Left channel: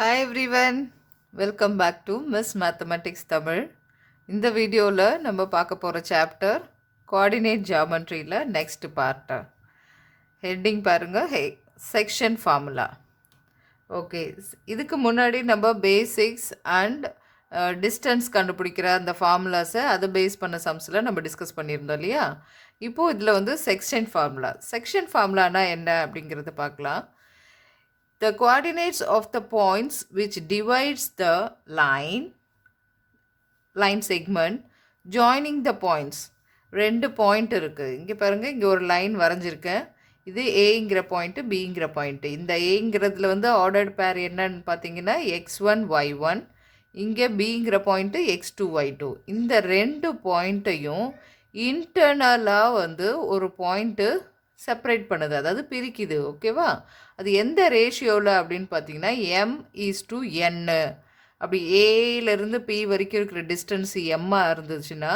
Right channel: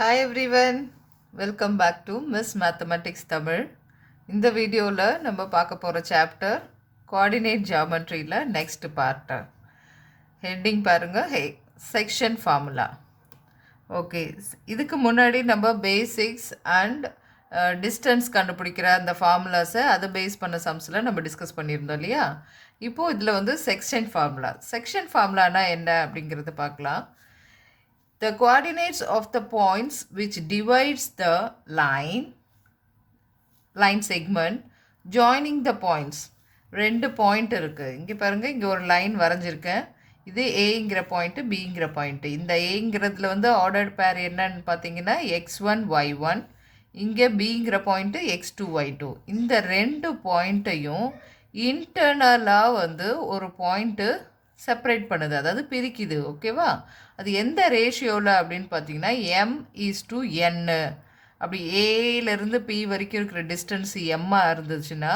Hi everyone, welcome back to Miss Mathematics Tamil. இந்த வீடியோவில் நம்ம பார்க்க போகிற சாப்டர் கோஆர்டினேட் ஜியாமெட்ரியில் நெக்ஸ்ட் பார்ட். ஹெட்டிங் பாருங்கள், செக்ஷன் ஃபார்முலா. ஓகே, இதுக்கு முன்னாடி நம்ம பேசிக்ஸ் அண்ட் டிஸ்டன்ஸ் கண்டுபிடிக்கிற அந்த ஃபார்முலாஸை அதை பேஸ் பண்ண சம்ஸில் நம்ம டிஸ்கஸ் பண்ணியிருந்தோம் இல்லையா. இப்போது இதில் வந்து செக்ஷன் ஃபார்முலானா என்ன அப்படிங்கிறத பார்க்கலாம். The coordinates of the points which divides the line segment joining the points. ரெண்டு பாயிண்ட் இருக்குது. இங்கே பாருங்கள், இங்கே ஒரு லைன் வரைஞ்சிருக்கேன். இது ஏங்கிற பாயிண்ட்டு, பிங்கிற பாயிண்ட்டு. இந்த ஏங்கிறதுல வந்து ஆர்டர்ட் பேர் என்னன்னு பார்த்தீங்கன்னா x1 y1, இங்கே பிங்கிற பாயிண்ட்டு x2 y2. இந்த ரெண்டு பாயிண்ட்டையும் இன்டர்னலாக வந்து ஒரு பாயிண்ட்டு செப்பரேட் பண்ணுது, அதாவது பிரிக்குது. ஓகேவா? அது எந்த ரேஷியோவில் அப்படின்னு பார்த்தீங்கன்னா m:n. அப்படி ஏலேருந்து பி வரைக்கும் இருக்கிற டிஸ்டன்ஸ் எம்மாக இருந்துச்சுன்னா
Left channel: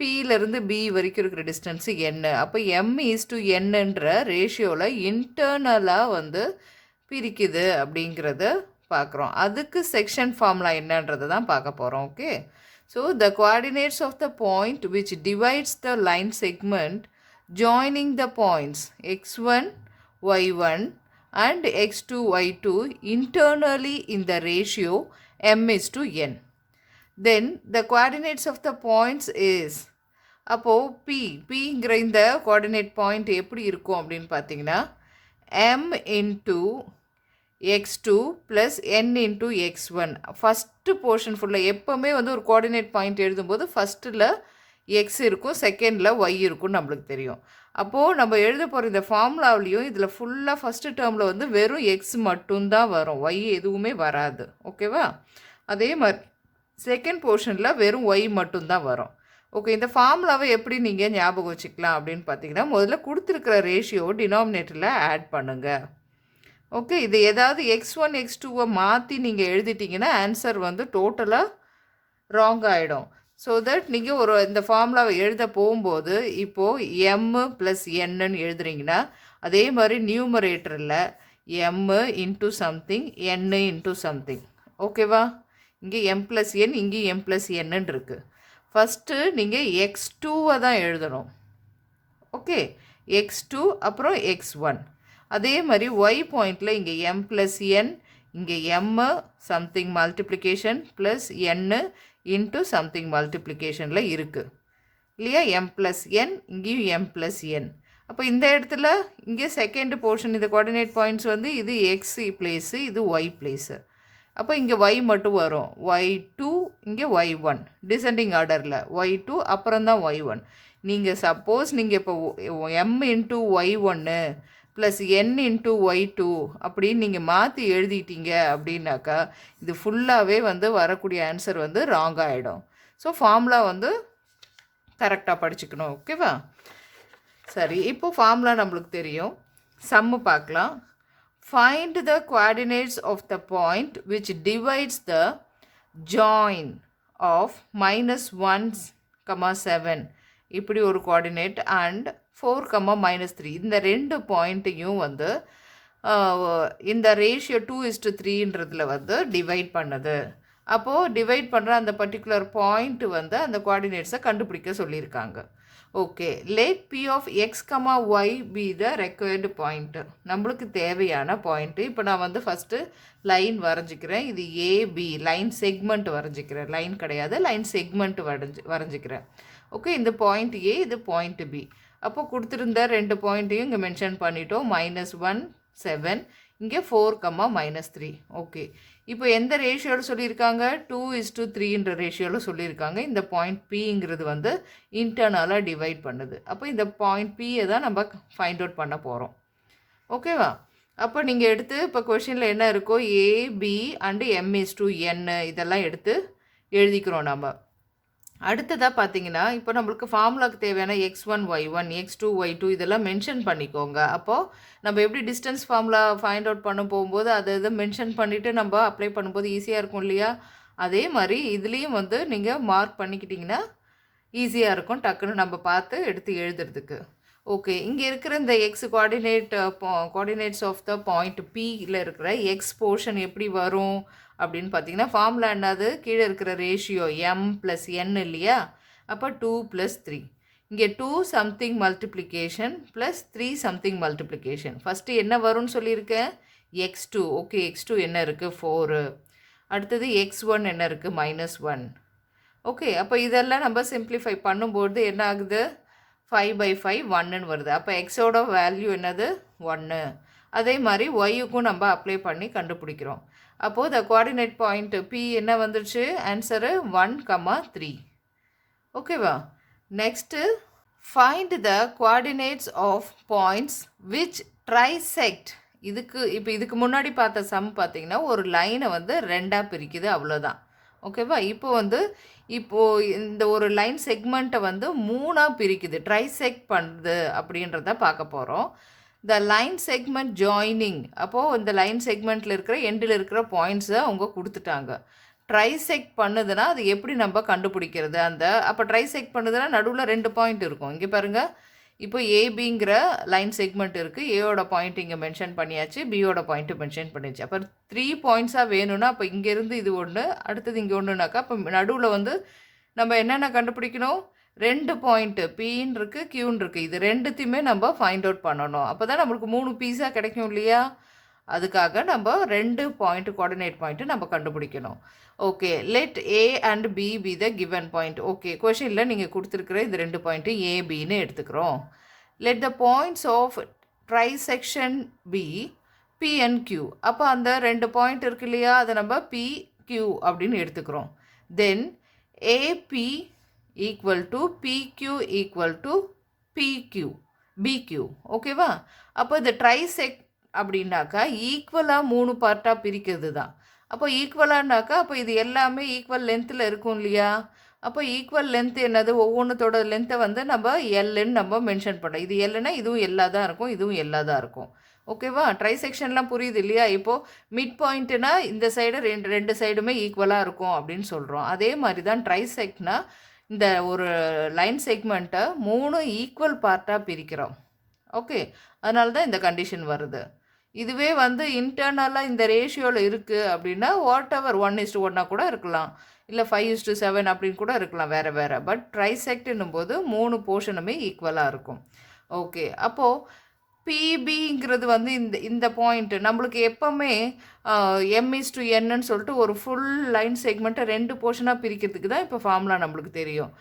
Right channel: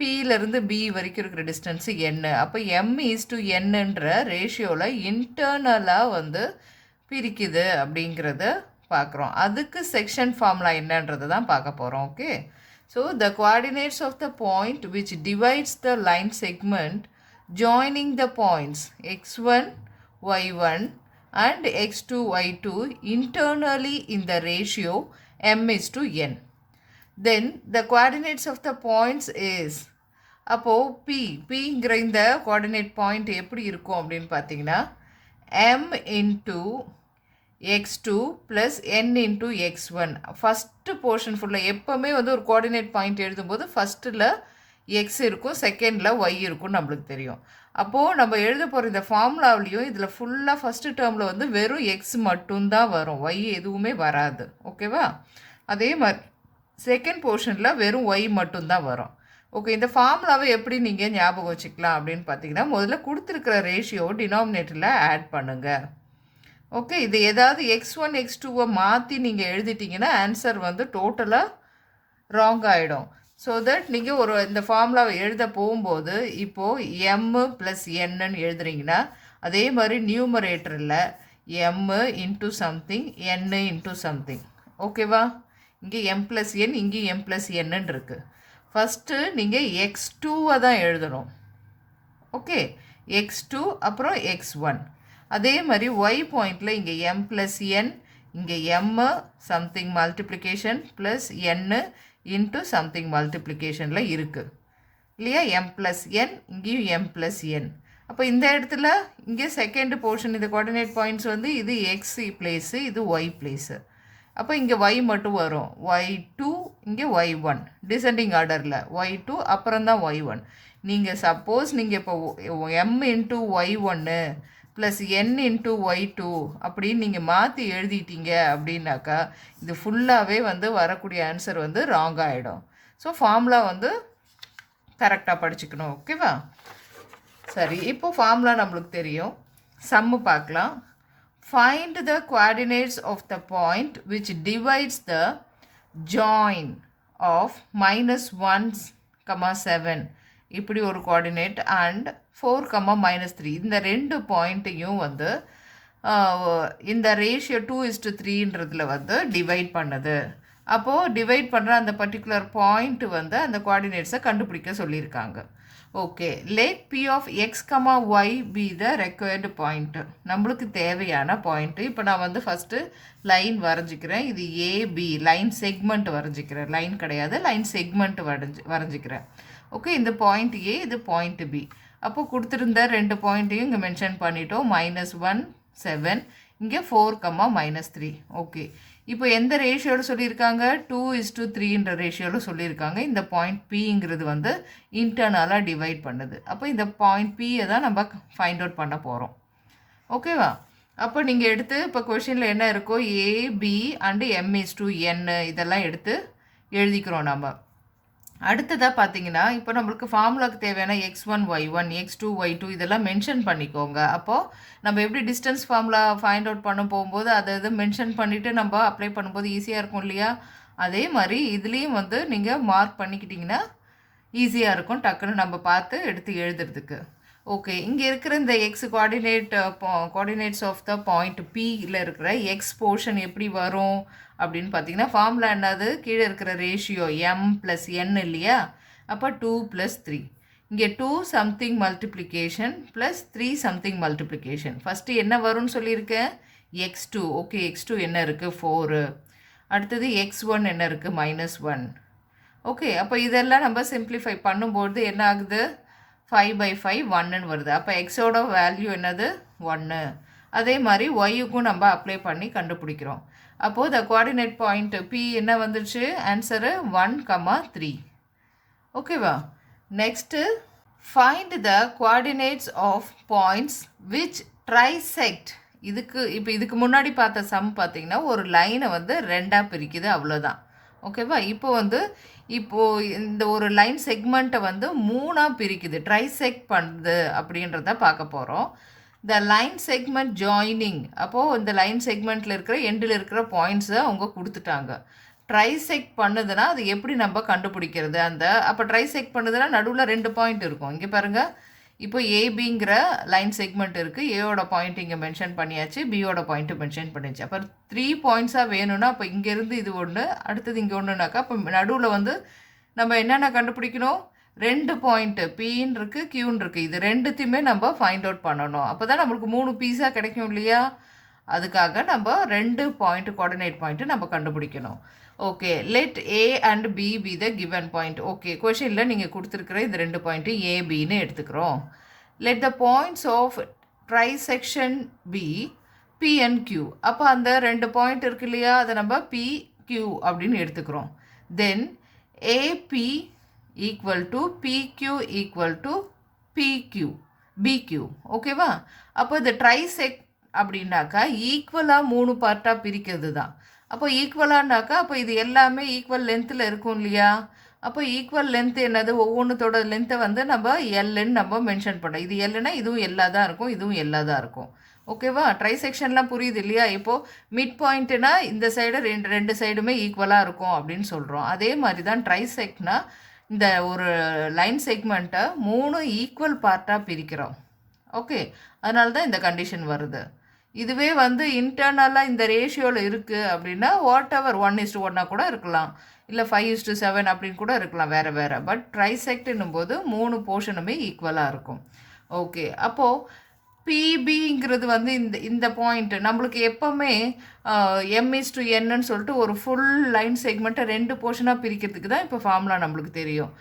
பியிலேருந்து பி வரைக்கும் இருக்கிற டிஸ்டன்ஸு n. அப்போ m:n ரேஷியோவில் இன்டர்னலாக வந்து பிரிக்குது அப்படிங்கிறத பார்க்குறோம். அதுக்கு செக்ஷன் ஃபார்முலா என்னன்றது தான் பார்க்க போகிறோம். Okay, so the coordinates of the point which divides the line segment joining the points x1 y1 and x2 y2 internally in the ratio m:n. Then the coordinates of the points is, அப்போது pங்கிற இந்த coordinate point எப்படி இருக்கும் அப்படின்னு பார்த்தீங்கன்னா m into x2 plus n into x1. First portion ஃபுல்லாக எப்போவுமே வந்து ஒரு கோஆர்டினேட் பாயிண்ட் எழுதும்போது ஃபஸ்ட்டில் எக்ஸ் இருக்கும், செகண்டில் ஒய் இருக்கும், நம்மளுக்கு தெரியும். அப்போது நம்ம எழுத போகிற இந்த ஃபார்முலாவிலையும் இதில் ஃபுல்லாக ஃபஸ்ட்டு டேர்மில் வந்து வெறும் எக்ஸ் மட்டும்தான் வரும், ஒய் எதுவுமே வராது. ஓகேவா? அதே மாதிரி செகண்ட் போர்ஷனில் வெறும் ஒய் மட்டும்தான் வரும். ஓகே, இந்த ஃபார்முலாவை எப்படி நீங்கள் ஞாபகம் வச்சுக்கலாம் அப்படின்னு பார்த்தீங்கன்னா, முதல்ல கொடுத்துருக்கிற ரேஷியோ டினாமினேட்டரில் ஆட் பண்ணுங்கள். ஓகே, இது ஏதாவது x1 x2 மாற்றி நீங்கள் எழுதிட்டிங்கன்னா ஆன்சர் வந்து டோட்டலாக ராங் ஆகிடும். ஸோ தட் நீங்கள் ஒரு இந்த ஃபார்முலாவை எழுத போகும்போது இப்போது m + n எழுதுறீங்கன்னா அதே மாதிரி நியூமரேட்டரில் m into something n into something. ஓகேவா? இங்கே m + n, இங்கே m + n இருக்குது. ஃபஸ்ட்டு நீங்கள் x2 தான் எழுதணும். ஓகே, x2 அப்புறம் x1. அதே மாதிரி y பாயிண்டில் இங்கே m + n, இங்கே m something multiplication plus n into something மல்டிப்ளிகேஷனில் இருக்குது இல்லையா. m + n, இங்கேயும் m + n. அப்போ இந்த இடத்துல இங்கே செகண்ட் போர்ஷன் இந்த கோஆர்டினேட் பாயிண்ட்ஸ் வந்து இது x பிளேஸு, இது y பிளேஸு. அப்போ இங்கே y மட்டும் வரும், y2, இங்கே y1 டிசெண்டிங் ஆர்டரில் y2 அப்புறம் தான் y1. நீங்கள் சப்போஸ் நீங்கள் இப்போ m into y1 plus n into y2 அப்படின்னு நீங்கள் மாற்றி எழுதிட்டீங்க அப்படின்னாக்கா இது ஃபுல்லாகவே வந்து வரக்கூடிய ஆன்சர் வந்து ராங் ஆகிடும். ஸோ ஃபார்முலா வந்து கரெக்டாக படிச்சுக்கணும். ஓகேவா? சரி, இப்போ ஃபார்முலா நம்மளுக்கு தெரியும். சம்மு பார்க்கலாம். Find the coordinates of the point which divides the join of -1, 7 இப்படி ஒரு கோஆர்டினேட் அண்ட் 4, -3 இந்த ரெண்டு பாயிண்ட்டையும் வந்து இந்த ரேஷியோ 2:3 வந்து டிவைட் பண்ணுது. அப்போது டிவைட் பண்ணுற அந்த பர்டிகுலர் பாயிண்ட் வந்து அந்த கோஆர்டினேட்ஸை கண்டுபிடிக்க சொல்லியிருக்காங்க. Okay, let p of x, y be the required point, நம்மளுக்கு தேவையான பாயிண்ட்டு. இப்போ நான் வந்து ஃபஸ்ட்டு லைன் வரைஞ்சிக்கிறேன். இது ஏபி லைன் செக்மெண்ட் வரைஞ்சிக்கிறேன், லைன் கிடையாது, லைன் செக்மெண்ட் வரைஞ்சிக்கிறேன். ஓகே, இந்த பாயிண்ட் ஏ, இது பாயிண்ட் பி. அப்போ கொடுத்துருந்த ரெண்டு பாயிண்ட்டையும் இங்கே மென்ஷன் பண்ணிட்டோம். -1, 7, இங்கே 4, -3. ஓகே, இப்போ எந்த ரேஷியோவில் சொல்லியிருக்காங்க? 2:3 ரேஷியோவில் சொல்லியிருக்காங்க. இந்த பாயிண்ட் பிங்கிறது வந்து இன்டர்னலாக டிவைட் பண்ணுது. அப்போ இந்த பாயிண்ட் பியை தான் நம்ம ஃபைண்ட் அவுட் பண்ண போகிறோம். ஓகேவா? அப்போ நீங்கள் எடுத்து இப்போ கொஷினில் என்ன இருக்கோ ஏபி அண்டு m:n இதெல்லாம் எடுத்து எழுதிக்கிறோம் நம்ம. அடுத்ததாக பார்த்தீங்கன்னா இப்போ நம்மளுக்கு ஃபார்முலாவுக்கு தேவையான x1 y1 x2 y2 இதெல்லாம் மென்ஷன் பண்ணிக்கோங்க. அப்போது நம்ம எப்படி டிஸ்டன்ஸ் ஃபார்முலா ஃபைண்ட் அவுட் பண்ண போகும்போது அதை இது மென்ஷன் பண்ணிவிட்டு நம்ம அப்ளை பண்ணும்போது ஈஸியாக இருக்கும் இல்லையா. அதே மாதிரி இதுலேயும் வந்து நீங்கள் மார்க் பண்ணிக்கிட்டிங்கன்னா ஈஸியாக இருக்கும், டக்குன்னு நம்ம பார்த்து எடுத்து எழுதுறதுக்கு. ஓகே, இங்கே இருக்கிற இந்த x coordinates of the point பியில் இருக்கிற எக்ஸ் போர்ஷன் எப்படி வரும் அப்படின்னு பார்த்தீங்கன்னா ஃபார்முலா என்னது, கீழே இருக்கிற ரேஷியோ m + n இல்லையா, அப்போ 2 + 3. இங்கே 2 something multiplication plus 3 something multiplication. First என்ன வரும்னு சொல்லியிருக்கேன், x2. ஓகே, x2 என்ன இருக்குது, 4. அடுத்தது x1 என்ன இருக்குது, -1. ஓகே, அப்போ இதெல்லாம் நம்ம சிம்பிளிஃபை பண்ணும்போது என்ன ஆகுது, 5/5 1ன்னு வருது. அப்போ எக்ஸோட வேல்யூ என்னது, 1. அதே மாதிரி ஒய்யுக்கும் நம்ம அப்ளை பண்ணி கண்டுபிடிக்கிறோம். அப்போது த கோஆர்டினேட் பாயிண்ட் பி என்ன வந்துடுச்சு, ஆன்சரு 1,3. ஓகேவா. Next find the coordinates of points which trisect. இதுக்கு முன்னாடி பார்த்த சம் பார்த்தீங்கன்னா ஒரு லைனை வந்து ரெண்டாக பிரிக்குது, அவ்வளோதான். ஓகேவா. இப்போது இந்த ஒரு லைன் செக்மெண்ட்டை வந்து 3ஆக பிரிக்குது, ட்ரைசெக்ட் பண்ணுது அப்படின்றத பார்க்க போகிறோம். த லைன் செக்மெண்ட் ஜாயினிங். அப்போது இந்த லைன் செக்மெண்ட்டில் இருக்கிற எண்டில் இருக்கிற பாயிண்ட்ஸை அவங்க கொடுத்துட்டாங்க. ட்ரைசெக்ட் பண்ணுதுன்னா அது எப்படி நம்ம கண்டுபிடிக்கிறது, அப்போ ட்ரைசெக்ட் பண்ணுதுன்னா நடுவில் 2 பாயிண்ட் இருக்கும். இங்கே பாருங்கள், இப்போ ஏபிங்கிற லைன் செக்மெண்ட் இருக்குது, ஏயோட பாயிண்ட் இங்கே மென்ஷன் பண்ணியாச்சு, பியோட பாயிண்ட்டு மென்ஷன் பண்ணியாச்சு. அப்போ 3 பாயிண்ட்ஸாக வேணும்னா அப்போ இங்கேருந்து இது ஒன்று, அடுத்தது இங்கே ஒன்றுனாக்கா அப்போ நடுவில் வந்து நம்ம என்னென்ன கண்டுபிடிக்கணும், 2 பாயிண்ட்டு பின்னு இருக்குது, கியூன்னு இருக்குது. இது ரெண்டுத்தையுமே நம்ம ஃபைண்ட் அவுட் பண்ணணும். அப்போ தான் நம்மளுக்கு 3 பீஸாக கிடைக்கும் இல்லையா. அதுக்காக நம்ம 2 பாயிண்ட் கோஆர்டினேட் பாயிண்ட்டு நம்ம கண்டுபிடிக்கணும். Okay, let A and B be the given point. Okay, கொஷினில் நீங்கள் கொடுத்துருக்குற இது 2 பாயிண்ட்டு ஏபின்னு எடுத்துக்கிறோம். Let the points of trisection be P and Q. அப்போ அந்த 2 பாயிண்ட் இருக்கு இல்லையா, அதை நம்ம பி கியூ அப்படின்னு எடுத்துக்கிறோம். Then AB equal to PQ equal to PQ PQ. ஓகேவா. அப்போ இந்த ட்ரைசெக்ட் அப்படின்னாக்கா ஈக்குவலாக 3 பார்ட்டாக பிரிக்கிறது தான். அப்போ ஈக்குவலானாக்கா அப்போ இது எல்லாமே ஈக்குவல் லென்த்தில் இருக்கும் இல்லையா. அப்போ ஈக்குவல் லென்த் என்னது, ஒவ்வொன்றத்தோட லென்த்தை வந்து நம்ம எல்லுன்னு நம்ம மென்ஷன் பண்ணோம். இது எல்லுன்னா இதுவும் எல்லா தான் இருக்கும், இதுவும் எல்லா தான் இருக்கும். ஓகேவா. ட்ரைசெக்ஷன்லாம் புரியுது இல்லையா. இப்போது மிட் பாயிண்ட்டுனா இந்த சைடு ரெண்டு சைடுமே ஈக்குவலாக இருக்கும் அப்படின்னு சொல்கிறோம். அதே மாதிரி தான் ட்ரைசெக்ட்னா இந்த ஒரு லைன் செக்மெண்ட்டை 3 ஈக்குவல் பார்ட்டாக பிரிக்கிறோம். ஓகே, அதனால தான் இந்த கண்டிஷன் வருது. இதுவே வந்து இன்டர்னலாக இந்த ரேஷியோவில் இருக்குது அப்படின்னா வாட்-எவர் 1:1 கூட இருக்கலாம், இல்லை 5:7 அப்படின்னு கூட இருக்கலாம், வேறு வேறு. பட் ட்ரைசெக்ட்னும் போது 3 போர்ஷனுமே ஈக்குவலாக இருக்கும். ஓகே, அப்போது பிபிங்கிறது வந்து இந்த பாயிண்ட் நம்மளுக்கு எப்போவுமே m:n சொல்லிட்டு ஒரு ஃபுல் லைன் செக்மெண்ட்டை 2 போர்ஷனாக பிரிக்கிறதுக்கு தான் இப்போ ஃபார்முலா நம்மளுக்கு தெரியும்.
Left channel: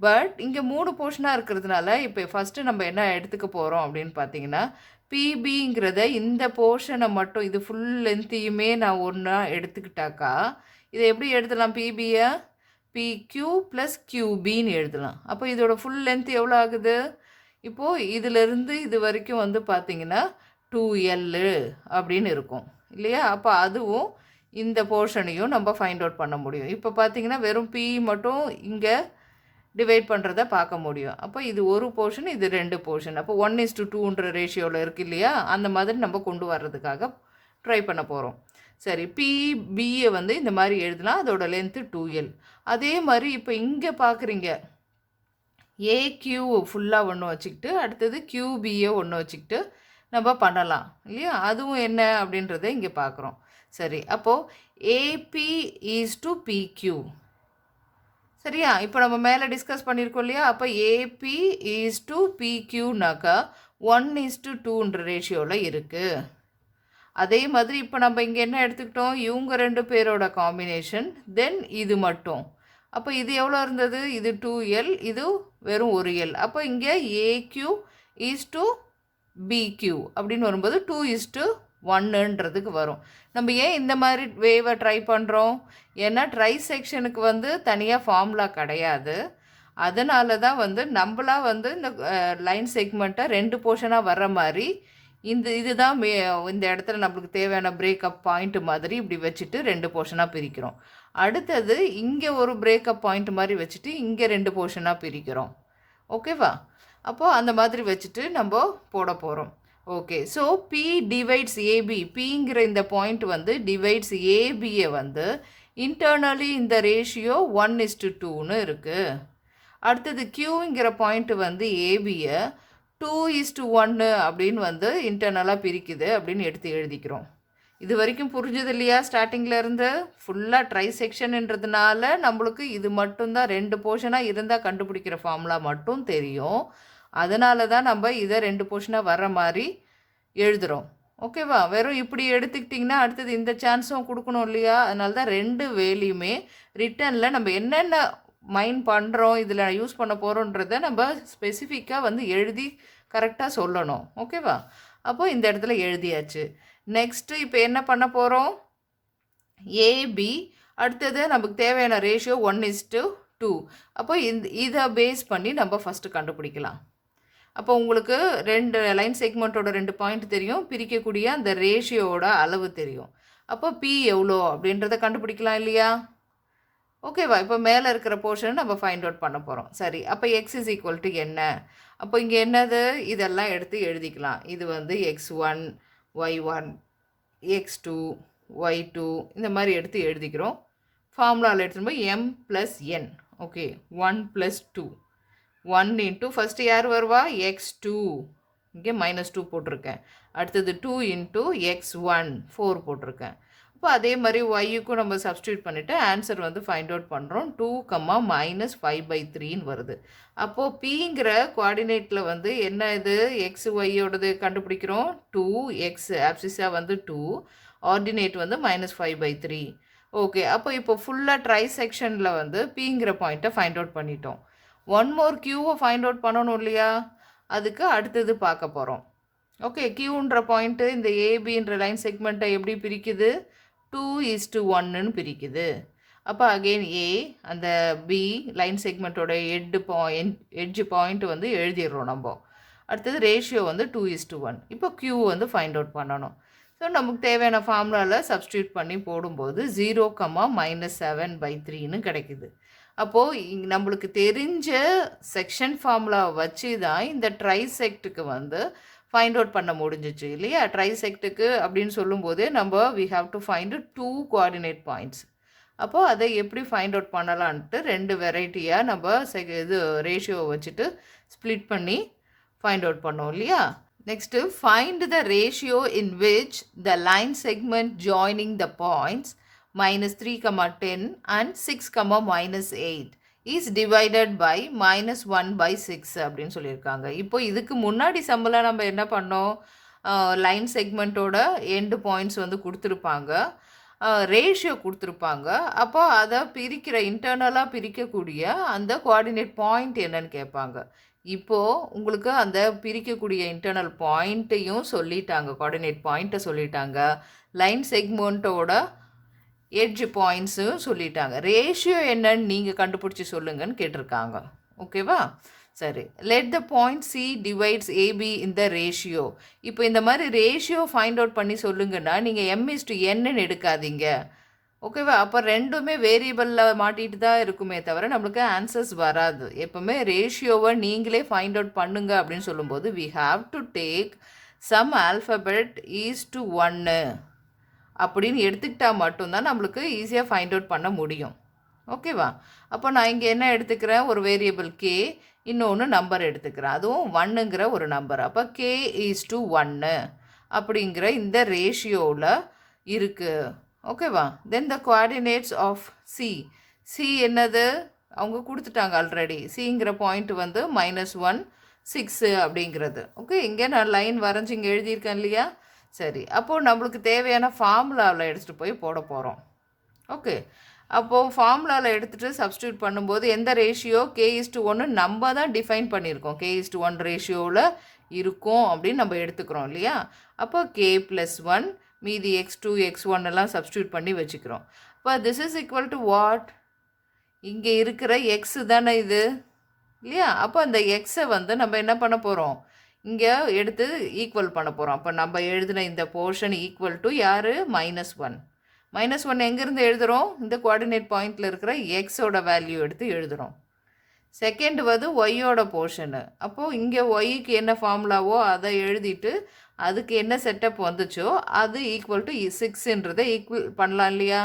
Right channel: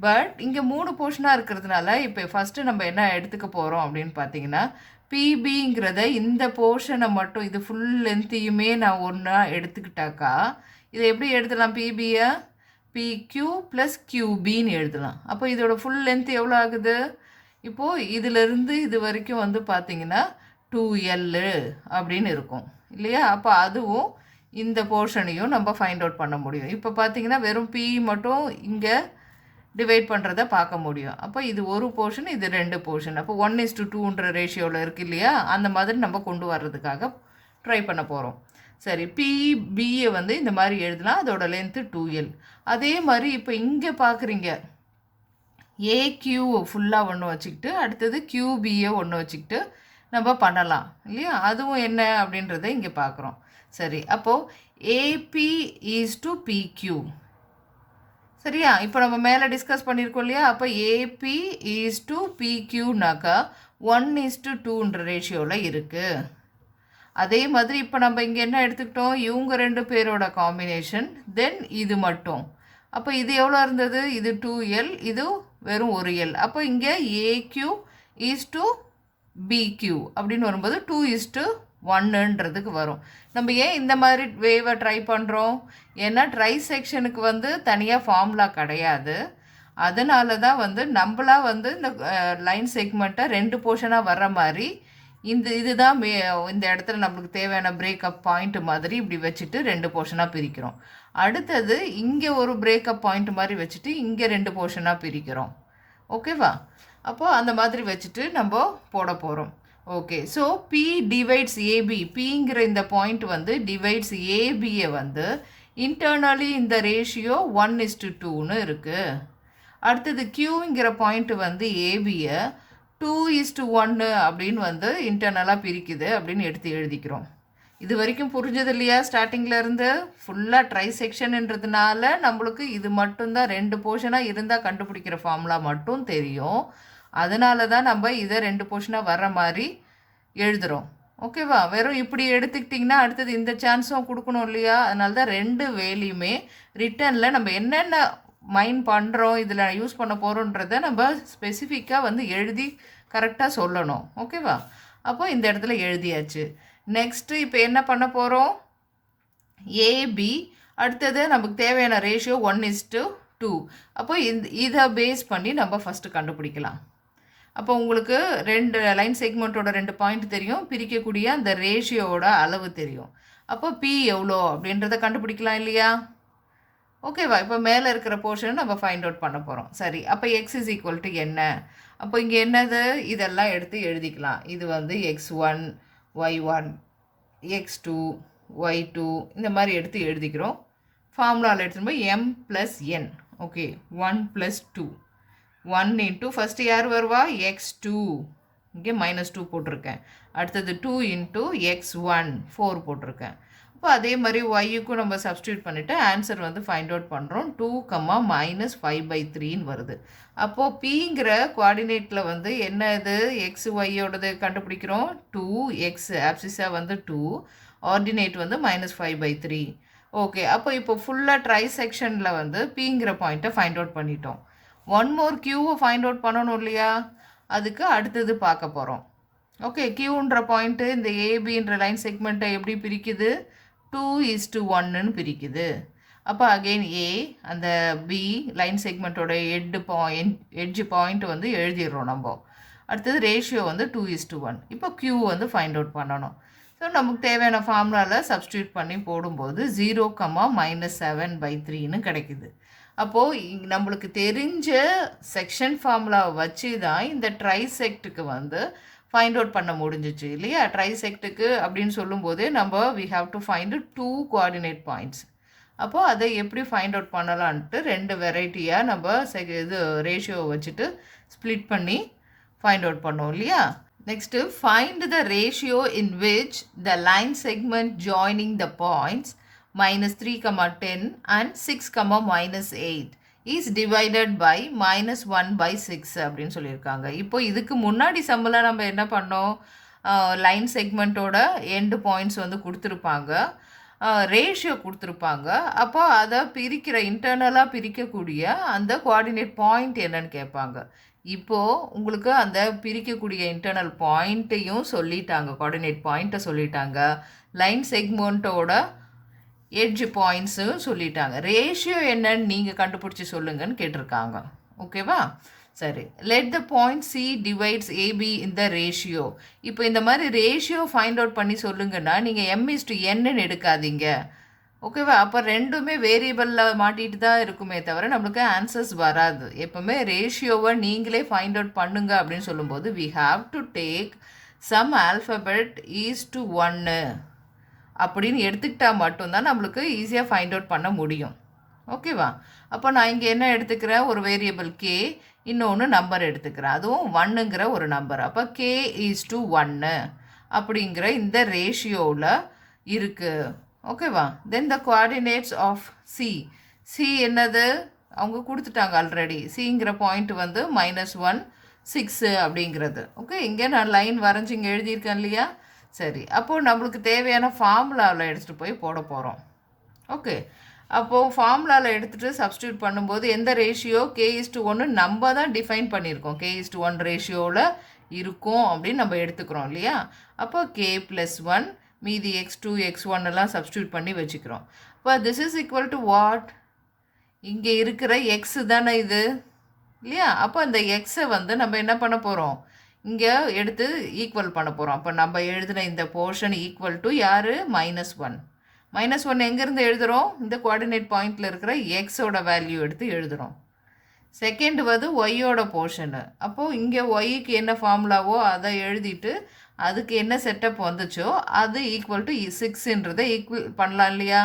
பட் இங்கே 3 போர்ஷனாக இருக்கிறதுனால இப்போ ஃபஸ்ட்டு நம்ம என்ன எடுத்துக்க போகிறோம் அப்படின்னு பார்த்தீங்கன்னா, பிபிங்கிறத இந்த போர்ஷனை மட்டும், இது ஃபுல் லென்த்தையுமே நான் ஒன்றா எடுத்துக்கிட்டாக்கா இதை எப்படி எழுதலாம், பிபியை பிக்யூ ப்ளஸ் கியூபின்னு எழுதலாம். அப்போ இதோட ஃபுல் லென்த் எவ்வளோ ஆகுது, இப்போது இதிலிருந்து இது வரைக்கும் வந்து பார்த்திங்கன்னா 2L அப்படின்னு இருக்கும் இல்லையா. அப்போ அதுவும் இந்த போர்ஷனையும் நம்ம ஃபைண்ட் அவுட் பண்ண முடியும். இப்போ பார்த்திங்கன்னா வெறும் பி மட்டும் இங்கே டிவைட் பண்ணுறத பார்க்க முடியும். அப்போ இது ஒரு போர்ஷன், இது 2 போர்ஷன். அப்போ 1:2ன்ற ரேஷியோவில் இருக்குது இல்லையா, அந்த மாதிரி நம்ம கொண்டு வர்றதுக்காக ட்ரை பண்ண போகிறோம். சரி, பிபியை வந்து இந்த மாதிரி எழுதலாம், அதோட லென்த்து 2L. அதே மாதிரி இப்போ இங்கே பார்க்குறீங்க, ஏக்யூ ஃபுல்லாக ஒன்று வச்சுக்கிட்டு அடுத்தது கியூபியை ஒன்று வச்சுக்கிட்டு நம்ம பண்ணலாம் இல்லையா. அதுவும் என்ன அப்படின்றத இங்கே பார்க்குறோம். சரி, அப்போது ஏபி ஈஸ் டு பிக்யூ. சரியா, இப்போ நம்ம மேலே டிஸ்கஸ் பண்ணியிருக்கோம் இல்லையா. அப்போ ஏபி ஈஸ் டு பிக்யூனாக்கா 1:2ன்ற ரேஷியோவில் இருக்குது. அதே மாதிரி இப்போ நம்ம இங்கே என்ன எடுத்துக்கிட்டோம், இவங்க 2 பேரோட காம்பினேஷன், தென் இது மட்டும். அப்போ இது எவ்வளோ இருந்தது, இது 2L, இது வெறும் 1L. அப்போ இங்கே ஏக்யூ ஈஸ் டு பிக்யூ அப்படின்னு வரும்போது 2:1ன்றதுக்கு வரும். நம்ம ஏன் இந்த மாதிரி வேவை ட்ரை பண்ணுறோம், ஏன்னா ட்ரைசெக்ஷனுக்கு வந்து தனியாக ஃபார்முலா கிடையாது. அதனால தான் வந்து நம்மளாக வந்து இந்த லைன் செக்மெண்ட்டை 2 போர்ஷனாக வர்ற மாதிரி இதுதான் இந்த இடத்துல நம்மளுக்கு தேவையான பிரேக்கப் பாயிண்ட் மாதிரி இப்படி வச்சுட்டு 2 போர்ஷனாக பிரிக்கிறோம். அடுத்தது இங்கே ஒரு பிரேக்கப் பாயிண்ட் மாதிரி வச்சுட்டு இங்கே 2 போர்ஷனாக பிரிக்கிறோம். ஓகேவா. அப்போது அந்த மாதிரி வச்சுட்டு நம்ம போட போகிறோம். Okay, so P divides AB, பிங்கிற இந்த பாயிண்ட் வந்து டிவைட்ஸ் ஏபியை வந்து இன்டர்னலி இந்த ரேஷியோ 1:2ன்னு இருக்குது. அடுத்தது கியூங்கிற பாயிண்ட் வந்து ஏபியை 2:1 அப்படின்னு வந்து இன்டர்னலாக பிரிக்குது அப்படின்னு எடுத்து எழுதிக்கிறோம். இது வரைக்கும் புரிஞ்சது இல்லையா? ஸ்டார்டிங்கில் இருந்து ஃபுல்லாக ட்ரை செக்ஷன்ன்றதுனால நம்மளுக்கு இது மட்டும்தான் 2 போர்ஷனாக இருந்தால் கண்டுபிடிக்கிற ஃபார்முலா மட்டும் தெரியும். அதனால தான் நம்ம இதை 2 போர்ஷனாக வர்ற மாதிரி எழுதுகிறோம். ஓகேவா? வெறும் இப்படி எடுத்துக்கிட்டிங்கன்னா அடுத்தது இந்த சான்ஸும் கொடுக்கணும் இல்லையா? அதனால தான் 2 வேலையுமே ரிட்டனில் நம்ம என்னென்ன மைண்ட் பண்ணுறோம், இதில் யூஸ் பண்ண போகிறோன்றதை நம்ம ஸ்பெசிஃபிக்காக வந்து எழுதி கரெக்டாக சொல்லணும். ஓகேவா? அப்போது இந்த இடத்துல எழுதியாச்சு. நெக்ஸ்ட்டு இப்போ என்ன பண்ண போகிறோம்? ஏபி அடுத்தது நமக்கு தேவையான ரேஷியோ 1:2. அப்போ இதை பேஸ் பண்ணி நம்ம ஃபஸ்ட்டு கண்டுபிடிக்கலாம். அப்போ உங்களுக்கு 2 லைன் செக்மெண்ட்டோட 2 பாயிண்ட் தெரியும், பிரிக்கக்கூடிய அந்த ரேஷியோட அளவு தெரியும். அப்போ பி எவ்வளோ அப்படின்றத கண்டுபிடிக்கலாம் இல்லையா? ஓகேவா? இப்போ மேலே இருக்கிற போர்ஷன் நம்ம ஃபைண்ட் அவுட் பண்ண போகிறோம். சரி, அப்போ எக்ஸ் இஸ் ஈக்குவல் டு என்ன? அப்போ இங்கே என்னது? இதெல்லாம் எடுத்து எழுதிக்கலாம். இது வந்து x1 y1 x2 y2 இந்த மாதிரி எடுத்து எழுதிக்கிறோம். ஃபார்முலாவில் எடுத்துகிட்டு போய் m + n. Okay, 1 + 2 1 into first யார் வருவா? x2, இங்கே -2 போட்டிருக்கேன். அடுத்தது 2 இன்ட்டு x1 4 போட்டிருக்கேன். இப்போ அதே மாதிரி ஒய்க்கும் நம்ம சப்ஸ்டியூட் பண்ணிவிட்டு ஆன்சர் வந்து ஃபைண்ட் அவுட் பண்ணுறோம். 2, -5/3ன்னு வருது. அப்போது பிங்கிற கோஆர்டினேட்டில் வந்து என்ன இது? எக்ஸ் ஒய்யோடது கண்டுபிடிக்கிறோம். 2x ஆப்சிஸாக வந்து 2, ஆர்டினேட் வந்து -5/3. ஓகே, அப்போ இப்போ ஃபுல்லாக ட்ரை செக்ஷனில் வந்து பிங்கிற பாயிண்ட்டை ஃபைண்ட் அவுட் பண்ணிட்டோம். ஒன் மோர் கியூவை ஃபைண்ட் அவுட் பண்ணணும் இல்லையா? அதுக்கு அடுத்தது பார்க்க போகிறோம். ஓகே, கியூன்ற பாயிண்ட்டு இந்த ஏபின்ற லைன் செக்மெண்ட்டை எப்படி பிரிக்குது? 2:1ன்னு பிரிக்குது. அப்போ அகெயின் ஏ அந்த பி லைன் செக்மெண்ட்டோட எட்ஜ் பாயிண்ட் வந்து எழுதிடுறோம் நம்ம. அடுத்தது ரேஷியோ வந்து 2:1. இப்போ கியூ வந்து ஃபைண்ட் அவுட் பண்ணணும். ஸோ நமக்கு தேவையான ஃபார்முலாவில் சப்ஸ்டியூட் பண்ணி போடும்போது 0, -7/3ன்னு கிடைக்குது. அப்போது நம்மளுக்கு தெரிஞ்ச செக்ஷன் ஃபார்முலாவை வச்சு தான் இந்த ட்ரைசெக்ட்டுக்கு வந்து ஃபைண்ட் அவுட் பண்ண முடிஞ்சிச்சு இல்லையா? ட்ரைசெக்ட்டுக்கு அப்படின்னு சொல்லும்போது நம்ம we have to find 2 coordinate points. அப்போது அதை எப்படி ஃபைண்ட் அவுட் பண்ணலான்ட்டு 2 வெரைட்டியாக நம்ம இது ரேஷியோவை வச்சுட்டு ஸ்ப்ளிட் பண்ணி ஃபைண்ட் அவுட் பண்ணோம் இல்லையா? Next find the ratio in which the line segment joining the points -3, 10 and 6, -8 is divided by -1/6 அப்படின்னு சொல்லியிருக்காங்க. இப்போ இதுக்கு முன்னாடி சம்பளம் நம்ம என்ன பண்ணோம்? லைன் செக்மெண்ட்டோட எண்டு பாயிண்ட்ஸ் வந்து கொடுத்துருப்பாங்க, ரேஷியோ கொடுத்துருப்பாங்க. அப்போ அதை இன்டர்னலாக பிரிக்கக்கூடிய அந்த கோஆர்டினேட் பாயிண்ட் என்னன்னு கேட்பாங்க. இப்போது உங்களுக்கு அந்த பிரிக்கக்கூடிய இன்டர்னல் பாயிண்ட்டையும் சொல்லிட்டாங்க, கோஆர்டினேட் பாயிண்ட்டை சொல்லிட்டாங்க, லைன் செக்மெண்ட்டோட எட்ஜ் பாயிண்ட்ஸும் சொல்லிட்டாங்க. ரேஷியோ என்னன்னு நீங்கள் கண்டுபிடிச்சி சொல்லுங்கன்னு கேட்டிருக்காங்க. ஓகேவா? சரி, let the point C divides AB in the ratio. இப்போ இந்த மாதிரி ரேஷியோ ஃபைண்ட் அவுட் பண்ணி சொல்லுங்கன்னா நீங்கள் m:n எடுக்காதீங்க. ஓகேவா? அப்போ ரெண்டுமே வேரியபிளில் மாட்டிட்டு தான் இருக்குமே தவிர நம்மளுக்கு ஆன்சர்ஸ் வராது. எப்போவுமே ரேஷியோவை நீங்களே ஃபைண்ட் அவுட் பண்ணுங்க அப்படின்னு சொல்லும்போது we have to take some alphabet is one அப்படின்னு எடுத்துக்கிட்டால் மட்டும்தான் நம்மளுக்கு ஈஸியாக ஃபைண்ட் அவுட் பண்ண முடியும். ஓகேவா? அப்போ நான் இங்கே என்ன எடுத்துக்கிறேன்? ஒரு வேரியபிள் கே, இன்னொன்று நம்பர் எடுத்துக்கிறேன், அதுவும் 1ங்கிற ஒரு நம்பர். அப்போ k:1 அப்படிங்கிற இந்த ரேஷியோவில் இருக்குது. ஓகேவா? தென் த கோஆர்டினேட்ஸ் ஆஃப் சி என்னது? அவங்க கொடுத்துட்டாங்க ஆல்ரெடி. சிங்கிற பாயிண்ட் வந்து -1, 6 அப்படிங்கிறது. ஓகே, இங்கே நான் லைன் வரைஞ்சி இங்கே எழுதியிருக்கேன் இல்லையா? சரி, அப்போது நம்மளுக்கு தேவையான ஃபார்முலாவில் எடுத்துகிட்டு போய் போட போகிறோம். ஓகே, அப்போது ஃபார்முலாவில் எடுத்துகிட்டு சப்ஸ்டியூட் பண்ணும்போது எந்த ரேஷியோ k:1 நம்ம தான் டிஃபைன் பண்ணியிருக்கோம். k:1 ரேஷியோவில் இருக்கும் அப்படின்னு நம்ம எடுத்துக்கிறோம் இல்லையா? அப்போ k+1 மீதி x2 x1 எல்லாம் சப்ஸ்டியூட் பண்ணி வச்சுக்கிறோம். இப்போ this is equal to what? இங்கே இருக்கிற எக்ஸு தானே இது இல்லையா? அப்போ அந்த எக்ஸை வந்து நம்ம என்ன பண்ண போகிறோம்? இங்கே எடுத்து ஈக்குவல் பண்ண போகிறோம். அப்போ நம்ம எழுதின இந்த போர்ஷன் ஈக்குவல் டு யார்? -1. -1 எங்கேருந்து எழுதுகிறோம்? இந்த கோஆர்டினேட் பாயிண்டில் இருக்கிற எக்ஸோட வேல்யூ எடுத்து எழுதுகிறோம். செகண்ட் வந்து ஒய்யோட போர்ஷனு. அப்போது இங்கே ஒய்க்கு என்ன ஃபார்முலாவோ அதை எழுதிட்டு அதுக்கு என்ன செட்டப் வந்துச்சோ அது ஈக்குவல் டு 6ன்றதை ஈக்குவல் பண்ணலாம் இல்லையா?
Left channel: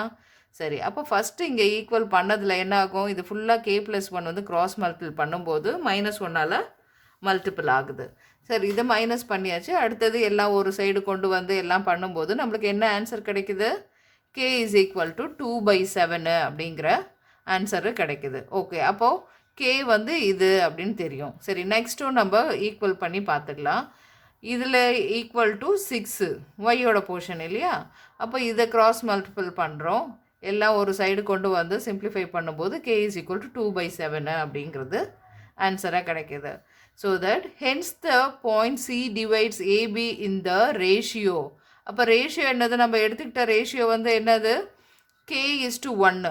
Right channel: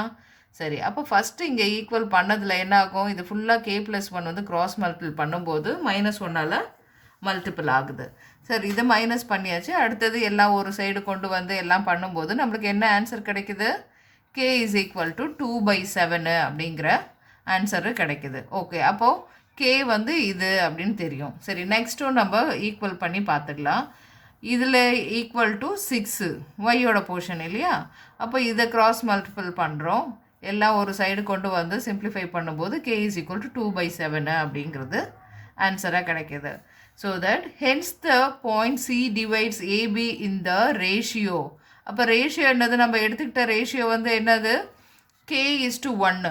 சரி, அப்போ ஃபஸ்ட்டு இங்கே ஈக்குவல் பண்ணதில் என்ன ஆகும்? இது ஃபுல்லாக k+1 வந்து கிராஸ் மல்டிபிள் பண்ணும்போது -1ஆல் மல்டிபிள் ஆகுது. சரி, இதை மைனஸ் பண்ணியாச்சு. அடுத்தது எல்லாம் ஒரு சைடு கொண்டு வந்து எல்லாம் பண்ணும்போது நம்மளுக்கு என்ன ஆன்சர் கிடைக்குது? k இஸ் ஈக்குவல் டு 2/7 அப்படிங்கிற ஆன்சரு கிடைக்குது. ஓகே, அப்போது k வந்து இது அப்படின்னு தெரியும். சரி, நெக்ஸ்ட்டும் நம்ம ஈக்குவல் பண்ணி பார்த்துக்கலாம். இதில் ஈக்குவல் டு 6 ஒய்யோட போர்ஷன் இல்லையா? அப்போ இதை கிராஸ் மல்டிபிள் பண்ணுறோம். எல்லாம் ஒரு சைடு கொண்டு வந்து சிம்பிளிஃபை பண்ணும்போது k இஸ் ஈக்குவல் டு 2/7 அப்படிங்கிறது ஆன்சராக கிடைக்கிது. So that hence the point C divides AB in the ratio. அப்போ ரேஷியோ என்னது? நம்ம எடுத்துக்கிட்ட ரேஷியோ வந்து என்னது? k:1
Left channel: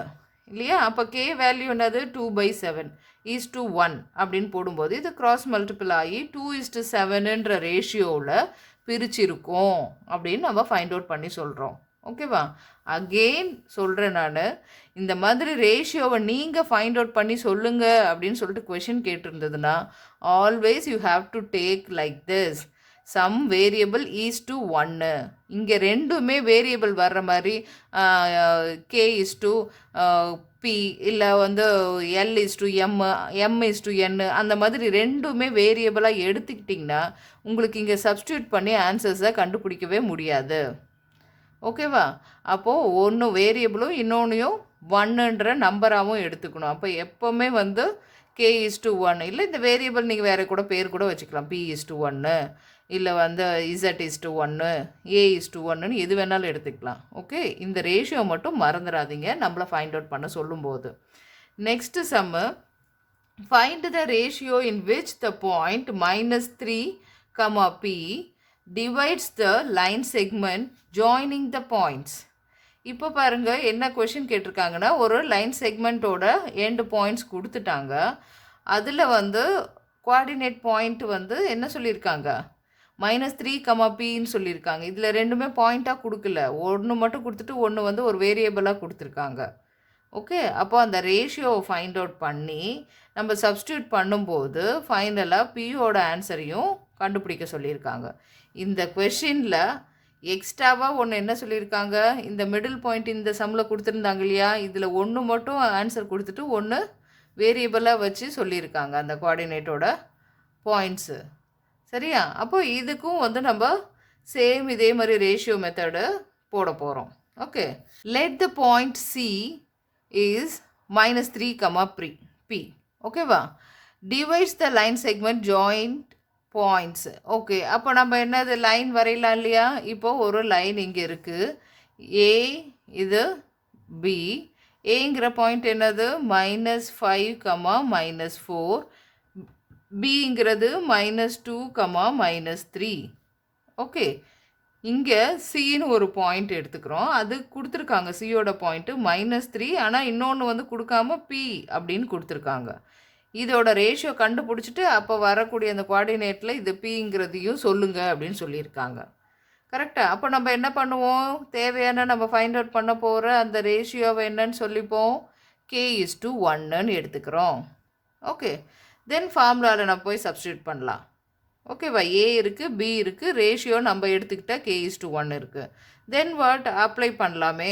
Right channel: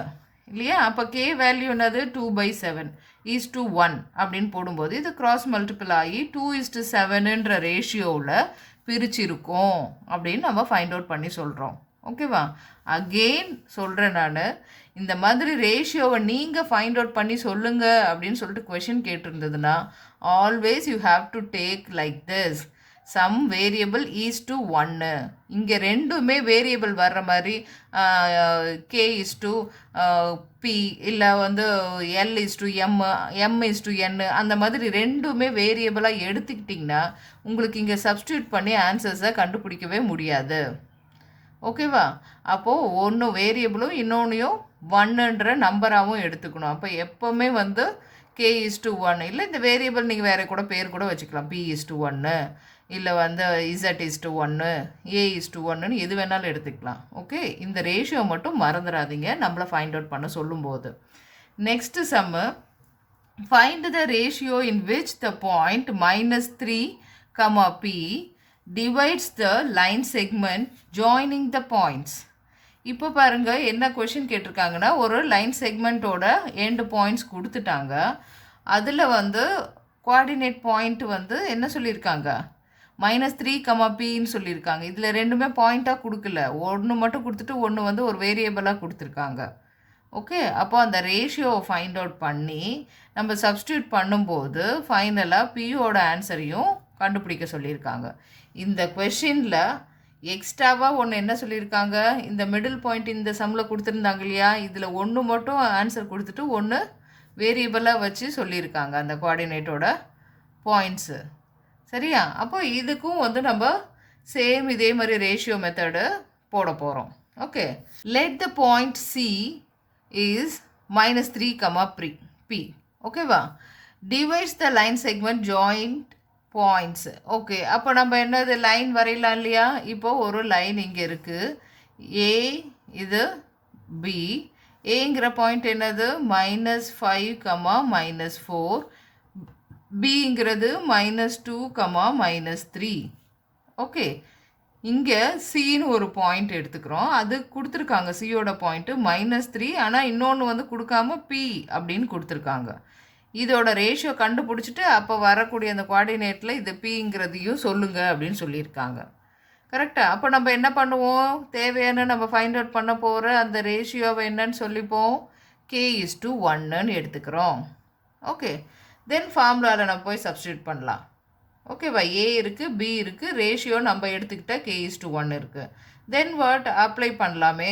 இல்லையா? அப்போ k வேல்யூ என்னது? 2/7:1 அப்படின்னு போடும்போது இது கிராஸ் மல்டிபிள் ஆகி 2:7ன்ற ரேஷியோவில் பிரிச்சிருக்கோம் அப்படின்னு நம்ம ஃபைண்ட் அவுட் பண்ணி சொல்கிறோம். ஓகேவா? அகெயின் சொல்கிறேன் நான், இந்த மாதிரி ரேஷியோவை நீங்கள் ஃபைண்ட் அவுட் பண்ணி சொல்லுங்கள் அப்படின்னு சொல்லிட்டு கொஷின் கேட்டிருந்ததுன்னா always you have to take like this, some variable is to 1. இங்கே ரெண்டுமே வேரியபிள் வர்ற மாதிரி k இஸ் டு p இல்லை வந்து l is to m is to n அந்த மாதிரி ரெண்டுமே வேரியபிளாக எடுத்துக்கிட்டிங்கன்னா உங்களுக்கு இங்கே சப்ஸ்டியூட் பண்ணி ஆன்சர்ஸை கண்டுபிடிக்கவே முடியாது. ஓகேவா? அப்போது ஒன்று வேரியபிளும் இன்னொன்றையும் 1ன்ற நம்பராகவும் எடுத்துக்கணும். அப்போ எப்போவுமே வந்து k:1 இல்லை இந்த வேரியபிள் நீங்கள் வேறு கூட பேர் கூட வச்சுக்கலாம். p:1 இல்லை வந்து z:1 a:1 எது வேணாலும் எடுத்துக்கலாம். ஓகே, இந்த ரேஷியோ மட்டும் மறந்துடாதீங்க நம்மளை ஃபைண்ட் அவுட் பண்ண சொல்லும்போது. Next sum, find the ratio in which the point -3, p divides the line segment joining the points. இப்போ பாருங்கள் என்ன கொஷின் கேட்டிருக்காங்கன்னா, ஒரு லைன் செக்மெண்ட்டோட எண்டு பாயிண்ட்ஸ் கொடுத்துட்டாங்க. அதில் வந்து கோஆர்டினேட் பாயிண்ட் வந்து என்ன சொல்லியிருக்காங்க? -3, pன்னு சொல்லியிருக்காங்க. இதில் ரெண்டுமே பாயிண்ட்டாக கொடுக்கல, ஒன்று மட்டும் கொடுத்துட்டு ஒன்று வந்து ஒரு வேரியபிளாக கொடுத்துருக்காங்க. ஓகே, அப்போ அந்த ரேஷியோவை ஃபைண்ட் அவுட் பண்ணி நம்ம சப்ஸ்டியூட் பண்ணும்போது ஃபைனலாக பியோட ஆன்சரையும் கண்டுபிடிக்க சொல்லியிருக்காங்க. இந்த கொஷினில் எக்ஸ்ட்ராவாக ஒன்று என்ன சொல்லியிருக்காங்க? இந்த மிடில் பாயிண்ட் இந்த சம்மில் கொடுத்துருந்தாங்க இல்லையா? இதில் ஒன்று மட்டும் ஆன்சர் கொடுத்துட்டு ஒன்று வேரியபிளாக வச்சு சொல்லியிருக்காங்க அந்த கோஆர்டினேட்டோட பாயிண்ட்ஸு. சரியா? அப்போ இதுக்கும் வந்து நம்ம சேம் இதே மாதிரி ரேஷியோ மெத்தடு போட போகிறோம். Okay, let the point C is -3, p. ஓகேவா? Divides the line segment joint points. Okay, அப்போ நம்ம என்னது லைன் வரையலாம் இல்லையா? இப்போது ஒரு லைன் இங்கே இருக்குது, ஏ இது பி. ஏங்கிற பாயிண்ட் என்னது? -5, -4. பிங்கிறது -2, -3. ஓகே, இங்கே சின்னு ஒரு பாயிண்ட் எடுத்துக்கிறோம். அது கொடுத்துருக்காங்க சியோட பாயிண்ட்டு -3, ஆனால் இன்னொன்று வந்து கொடுக்காம பி அப்படின்னு கொடுத்துருக்காங்க. இதோட ரேஷியோ கண்டுபிடிச்சிட்டு அப்போ வரக்கூடிய அந்த கோஆர்டினேட்டில் இது பிங்கிறதையும் சொல்லுங்கள் அப்படின்னு சொல்லியிருக்காங்க. கரெக்டாக? அப்போ நம்ம என்ன பண்ணுவோம்? தேவையான நம்ம ஃபைண்ட் அவுட் பண்ண போகிற அந்த ரேஷியோவை என்னன்னு சொல்லிப்போம்? k:1ன்னு எடுத்துக்கிறோம். ஓகே, தென் ஃபார்முலாவில் நம்ம போய் சப்ஸ்டியூட் பண்ணலாம். ஓகேவா? ஏ இருக்குது, பி இருக்குது, ரேஷியோ நம்ம எடுத்துக்கிட்டால் k:1 இருக்குது. தென் வாட் அப்ளை பண்ணலாமே,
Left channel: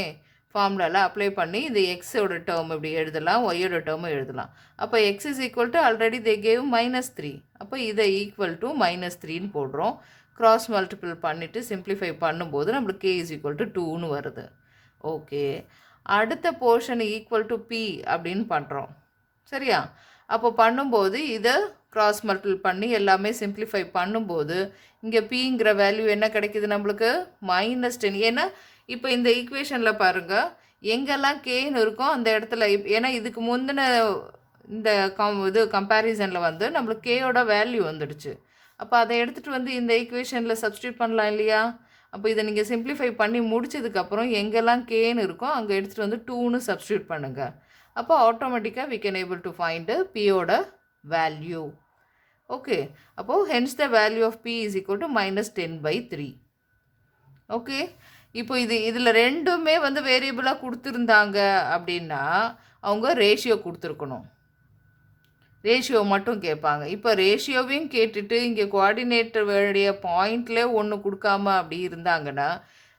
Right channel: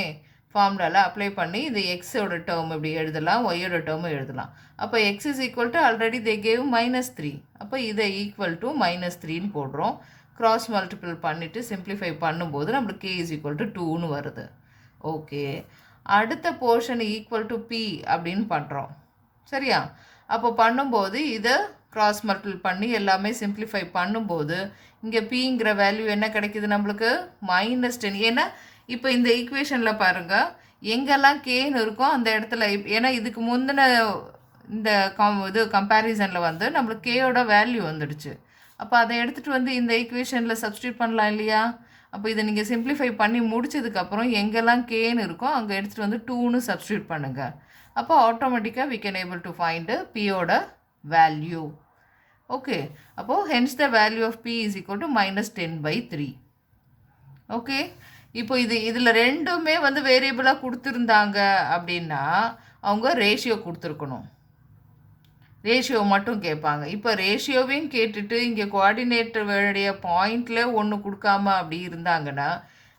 ஃபார்முலாவில் அப்ளை பண்ணி இந்த எக்ஸோட டேர்ம் இப்படி எழுதலாம், ஒய்யோட டேர்மும் எழுதலாம். அப்போ x is equal to already they gave -3. அப்போ இதை ஈக்குவல் டு -3ன்னு போடுறோம். கிராஸ் மல்டிபிள் பண்ணிவிட்டு சிம்பிளிஃபை பண்ணும்போது நம்மளுக்கு k இஸ் ஈக்குவல் டு 2ன்னு வருது. ஓகே, அடுத்த போர்ஷன் ஈக்குவல் டு p அப்படின்னு பண்ணுறோம். சரியா? அப்போ பண்ணும்போது இதை கிராஸ் மல்டிபிள் பண்ணி எல்லாமே சிம்பிளிஃபை பண்ணும்போது இங்கே பிங்கிற வேல்யூ என்ன கிடைக்குது நம்மளுக்கு? -10. ஏன்னா இப்போ இந்த ஈக்குவேஷனில் பாருங்கள், எங்கெல்லாம் கேன்னு இருக்கோ அந்த இடத்துல ஏன்னா இதுக்கு முந்தின இந்த கம்பேரிசனில் வந்து நம்மளுக்கு கேயோட வேல்யூ வந்துடுச்சு. அப்போ அதை எடுத்துகிட்டு வந்து இந்த ஈக்குவேஷனில் சப்ஸ்டியூட் பண்ணலாம் இல்லையா? அப்போ இதை நீங்கள் சிம்பிளிஃபை பண்ணி முடிச்சதுக்கப்புறம் எங்கெல்லாம் கேன்னு இருக்கோ அங்கே எடுத்துகிட்டு வந்து 2ன்னு சப்ஸ்டியூட் பண்ணுங்கள். அப்போ ஆட்டோமேட்டிக்காக we can able to find பியோட வேல்யூ. ஓகே, அப்போது hence the value of p is equal to -10/3. Okay, இப்போ இதில் ரெண்டுமே வந்து வேரியபிளாக கொடுத்துருந்தாங்க அப்படின்னா அவங்க ரேஷியோ கொடுத்துருக்கணும். ரேஷியோ மட்டும் கேட்பாங்க. இப்போ ரேஷியோவையும் கேட்டுட்டு இங்கே கோஆர்டினேட்டர் வேண்டிய பாயிண்டில் ஒன்று கொடுக்காம அப்படி இருந்தாங்கன்னா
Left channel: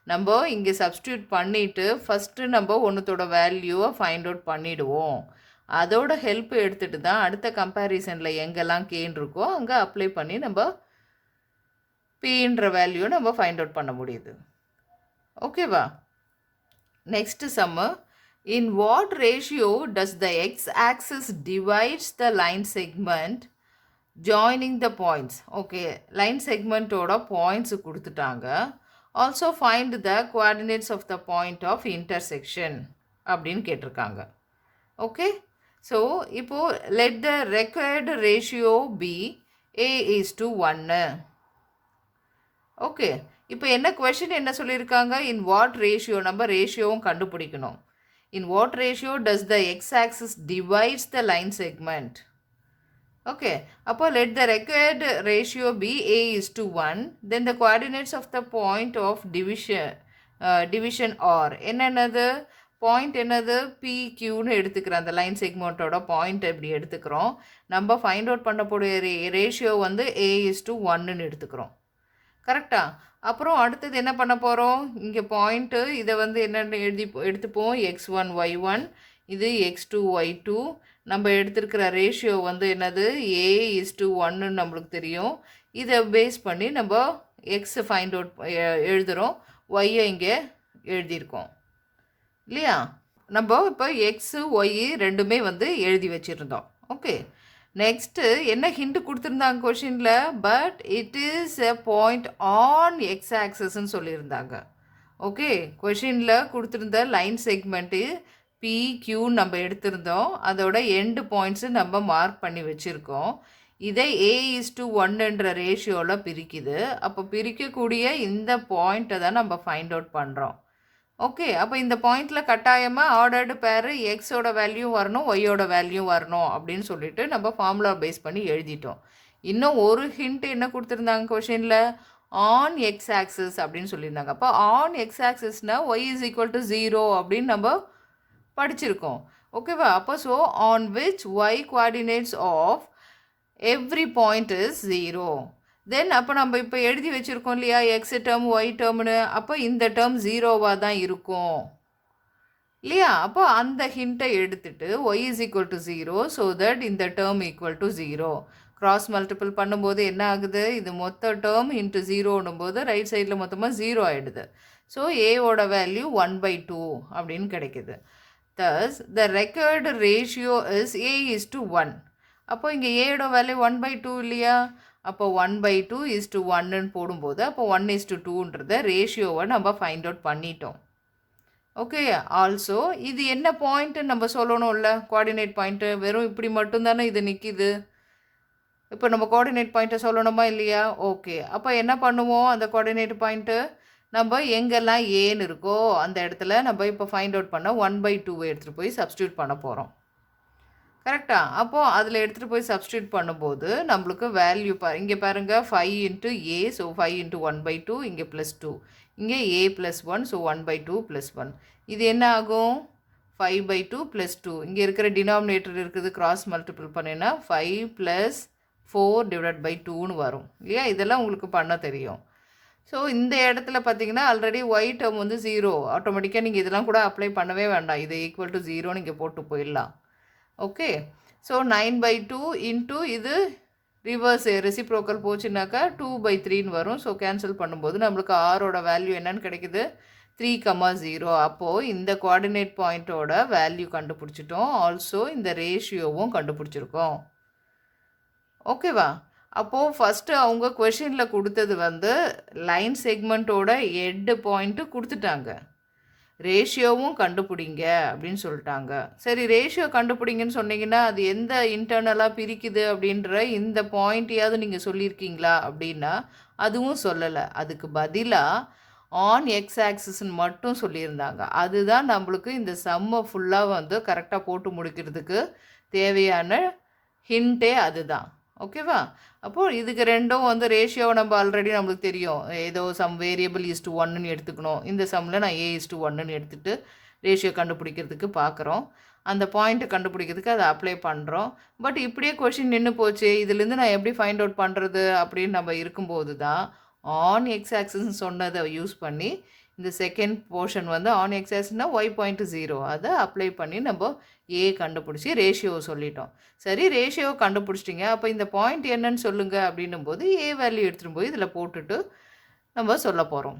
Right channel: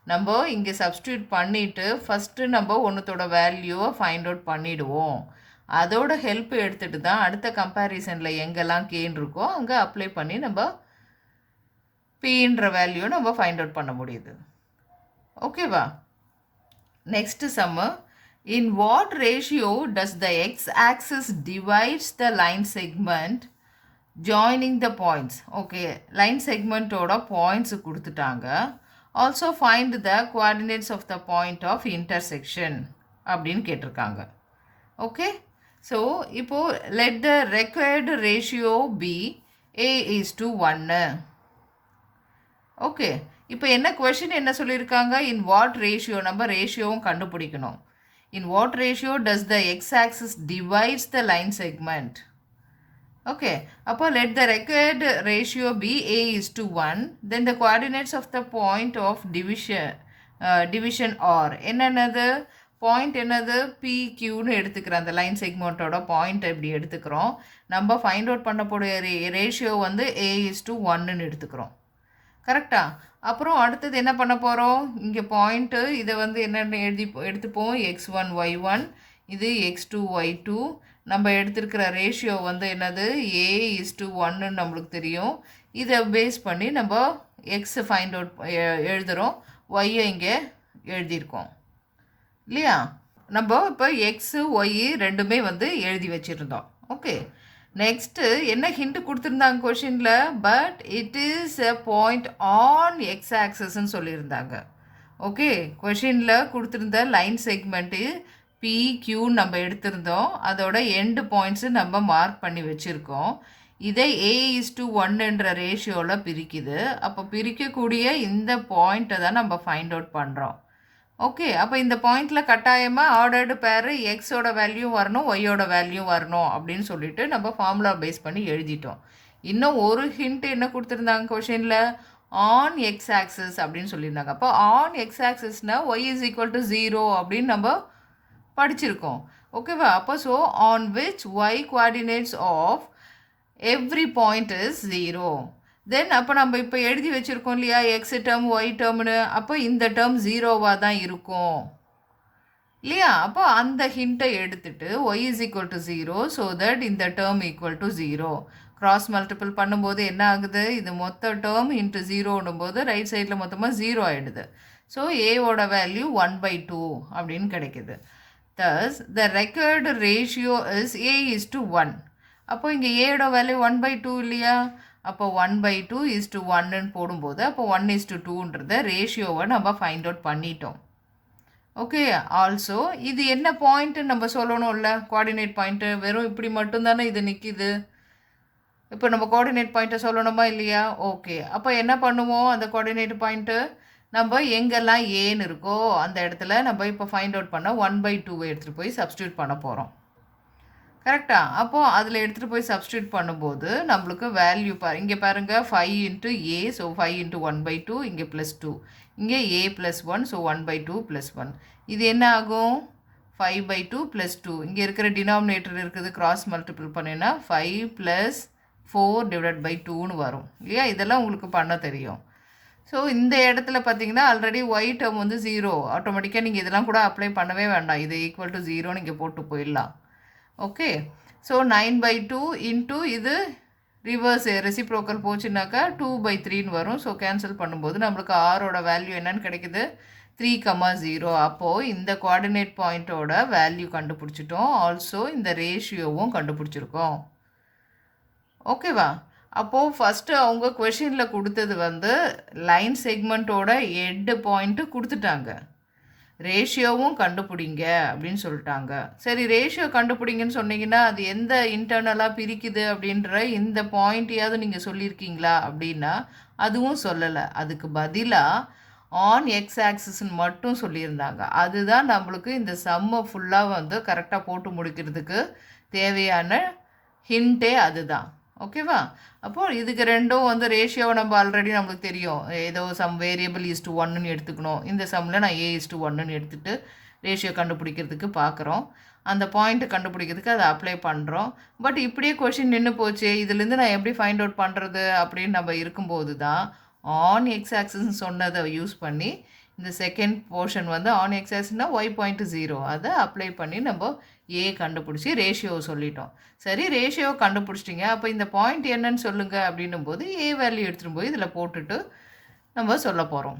நம்ம இங்கே சப்ஸ்டியூட் பண்ணிவிட்டு ஃபஸ்ட்டு நம்ம ஒன்றுத்தோட வேல்யூவை ஃபைண்ட் அவுட் பண்ணிவிடுவோம். அதோட ஹெல்ப் எடுத்துகிட்டு தான் அடுத்த கம்பேரிசனில் எங்கெல்லாம் கேன் இருக்கோ அங்கே அப்ளை பண்ணி நம்ம பின்ற வேல்யூ நம்ம ஃபைண்ட் அவுட் பண்ண முடியுது. ஓகேவா? Next sum. In what ratio does the x-axis divides the line segment joining the points? Okay, line segment ஓட points கொடுத்துட்டாங்க. Also find the coordinates of the point of intersection அப்படின்னு கேட்டிருக்காங்க. Okay, so இப்போ let the required ratio be a:1. Okay, இப்போ என்ன question என்ன சொல்லியிருக்காங்க? இன் what ratio, நம்ம ரேஷியோவும் கண்டுபிடிக்கணும். In what ratio does the x axis divides the line segment. Okay, அப்போ let the required ratio be a:1. Then the coordinates of the point of division are என்னென்னது point என்னது PQன்னு எடுத்துக்கிறோம். அந்த லைன் செக்மெண்ட்டோட பாயிண்ட் இப்படி எடுத்துக்கிறோம். நம்ம ஃபைண்ட் அவுட் பண்ணக்கூடிய ரேஷியோ வந்து a:1ன்னு எடுத்துக்கிறோம். கரெக்டா? அப்புறம் அடுத்தது என்ன பண்ண போகிறோம்? இங்கே பாயிண்ட்டு இதை வந்து என்னென்னு எடுத்துப்போம். x1 y1, இது x2 y2. நம்ம எடுத்துருக்கிற ரேஷியோ வந்து என்னது a:1ன்னு நம்மளுக்கு தெரியும். இதை பேஸ் பண்ணி நம்ம எக்ஸை ஃபைண்ட் அவுட் எழுதுகிறோம், ஒய்யை இங்கே எழுதியிருக்கோம் இல்லையா? நம்ம இப்போ எக்ஸு ஒய் ரெண்டுமே வந்து எழுதி வச்சுருந்தோம். ஓகே, நெக்ஸ்ட்டு என்ன ஹிண்ட் கொடுத்துருந்தாங்க கொஷினில்? But it is a point on x ஆக்சஸ்ன்னு சொல்லியிருந்தாங்க. ஓகே, கொஷினில் கொடுத்துருந்த லைன் செக்மெண்ட்டு PQன்னு நம்ம எடுத்திருந்தோம். அதோட எண்டு பாயிண்ட்ஸு நம்ம மார்க் பண்ணி வச்சுருக்கோம். இதை a:1ன்ற ரேஷியோவில் பிரிக்குது. அப்போ பிரிக்கக்கூடிய இந்த பாயிண்ட்டை தான் நம்ம ஃபைண்ட் அவுட் பண்ணுறோம். ஓகே, அப்போ இந்த பாயிண்டில் கட்டாயமாக ஆர்டர்டு பேர் எக்ஸோட வேல்யூ வரணும், ஒய்யோட வேல்யூ வரணும் அப்படின்னு சொல்லிட்டு நம்ம ஃபார்முலா பேஸ் பண்ணி எழுதிட்டோம். இன்னும் ஒரு ஹிண்ட் என்ன கொடுத்துருந்தாங்க கொஷினில்? ஆன் எக்ஸ் ஆக்சிஸ் அப்படின்னு சொல்லியிருந்தாங்க. அப்போ ஆன் எக்ஸ் ஆக்சிஸ்னால் ஒய் இஸ் ஈக்குவல் டு 0 அப்படின்னு நம்ம படிச்சிருக்கோம். ஓகேவா? அப்போ so on which y coordinates of every point is 0. Then அப்போ நம்ம இப்போ எழுதி வச்சுருக்கோம் இல்லையா, எக்ஸ் டேர்ம் ஒய் டேர்ம்னு. அப்போ இந்த டேர்ம் 0வாக தான் இருக்கும் இல்லையா? அப்போ அந்த ஹிண்ட்டை எடுத்துட்டு y is equal to 0, so that இந்த term equal to 0. Cross multiple பண்ணும்போது என்ன ஆகுது? இது மொத்த டேர்ம் இன்ட்டு 0ன்னும் போது ரைட் சைடில் மொத்தமாக 0 ஆகிடுது. ஸோ ஏவோட வேல்யூ 1/2 அப்படின்னு கிடைக்குது. Thus the record ratio is a:1. அப்போ இங்கே ஏயோட வேல்யூ 1/2 இல்லையா? அப்போ 1/2 போடும்போது அப்போ 1:2ன்றத ரேஷியோவை நம்ம ஃபைண்ட் அவுட் பண்ணிட்டோம். ஓகே, ஆல்சோ இது என்ன பாயிண்ட்டு நம்ம சொல்லணும்ல, கோஆர்டினேட் பாயிண்ட்டு. வெறும் இப்படி மட்டும்தானே இது நிற்கிது. இப்போ நம்ம கோஆர்டினேட் பாயிண்ட்டை சொல்லணுமா இல்லையா? ஓகே, அப்போ என்ன பண்ணுவோம்? அந்த கோஆர்டினேட் பாயிண்ட்டு நம்ம எங்கெல்லாம் ஏன்னு இருக்கோ அந்த இடத்துல நம்ம இப்போ ஃபைண்ட் அவுட் பண்ண 1/2 எடுத்துகிட்டு போய் சப்ஸ்டியூட் பண்ண போகிறோம். கரெக்டாக? அப்போது அதில் எடுத்துகிட்டு போய் சப்ஸ்டியூட் பண்ணும்போது நம்மளுக்கு வேல்யூ இங்கே பாருங்கள் 5 × a, ஸோ 5 × 1/2, இங்கே +2, இங்கே a + 1, ஸோ 1/2 + 1. இது என்ன ஆகும்? 5/2 + 2. இங்கே இருக்கிற டினாமினேட்டர் இருக்குது, கிராஸ் மல்டிபிள் பண்ணினா 5 + 4/2ன்னு வரும் இல்லையா? இதெல்லாம் உங்களுக்கு பண்ண தெரியும். ஸோ இந்த இடத்துல பார்த்தீங்கன்னா ஆல்ரெடி ஒய் டேர்ம் வந்து 0. ஆட்டோமேட்டிக்காக நீங்கள் இதெல்லாம் கூட அப்ளை பண்ணவே வேண்டாம். இது ஈக்குவல் டு 0 நீங்கள் போட்டு போயிடலாம். ஓகே, ஸோ 9/2 இன்ட்டு இது ரிவர்ஸ் ரெசிப்ரோக்கல் போச்சுனாக்கா 2/3ன்னு வரும். ஸோ கேன்சல் பண்ணும்போது நம்மளுக்கு ஆரோட வேல்யூ என்னன்னு கிடைக்குது? 3,0. அப்போது இந்த கோஆர்டினேட் பாயிண்ட்டோட வேல்யூ கண்டுபிடிச்சிட்டோம். ஆல்சோ இந்த ரேஷியோவும் கண்டுபிடிச்சிருக்கோம். ஓகேவா? அப்போது ஃபஸ்ட்டு அவங்க கொஷினில் கொடுத்தது வந்து லைன் செக்மெண்ட்டோட எட்டு பாயிண்ட்டு கொடுத்துட்டாங்க. ரேஷியோவும் கண்டுபிடிங்க அப்படின்னு சொல்லிட்டாங்க. சரி, ரேஷியோ கண்டுபிடிங்கன்னு சொன்னீங்கன்னா அது எந்த இன்டர்னலாக பிரிக்குது அப்படின்ற இந்த பாயிண்ட்டையாவது நீங்கள் சொல்லியிருக்கீங்களா அப்படின்னா அதுவும் சொல்லலை. அதுக்கு பதிலாக ஆன் எக்ஸ் ஆக்சிஸ்ன்னு மட்டும் சொல்லியிருந்தாங்க. அதுதான் நம்மளுக்கு இந்த சம்மை ஃபுல்லாக வந்து கரெக்டாக போட்டு முடிக்கிறதுக்கு தேவையான ஹிண்ட்டே அதுதான். ஓகேவா? அப்போது இதுக்கு ரெண்டும் வந்து ரேஷியோவை நம்ம ஆல்ரெடி நம்மளுக்கு தெரியும். ஏதோ சம் வேரியபிள் (1)ன்னு எடுத்துக்கணும். இந்த சம்மில் நான் a:1ன்னு எடுத்துகிட்டு ரேஷியோ கண்டுபிடிக்கிறதுக்கு பார்க்குறோம். அந்த பாயிண்ட்டை கண்டுபிடிக்கிறதுக்கு அதை அப்ளை பண்ணுறோம். பட் இப்படியே கொஷின் நின்று போச்சு, இதுலேருந்து நான் எப்படி ஃபைண்ட் அவுட் பண்ணுறது அப்படின்னு நம்ம இருக்கும்போது தான் ஆன் எக்ஸ் ஆக்சிஸ்ன்னு சொன்னதை யூஸ் பண்ணி இந்த செகண்ட் போர்ஷன் வந்து ஆன் எக்ஸ் ஆக்சிஸ்னால் ஒய் பாயிண்ட் 0 அதை அப்ளை பண்ணி நம்ம ஏ கண்டுபிடிச்சி ரேஷியோவை சொல்லிட்டோம். சரி, ரேஷியோவை கண்டுபிடிச்சிட்டிங்க, அப்போ இந்த பாயிண்ட் என்னன்னு சொல்லுங்கள் அப்படின்னும் போது ஏ வேல்யூ எடுத்துகிட்டு போய் இதில் போட்டுட்டு நம்ம சொல்ல போகிறோம்.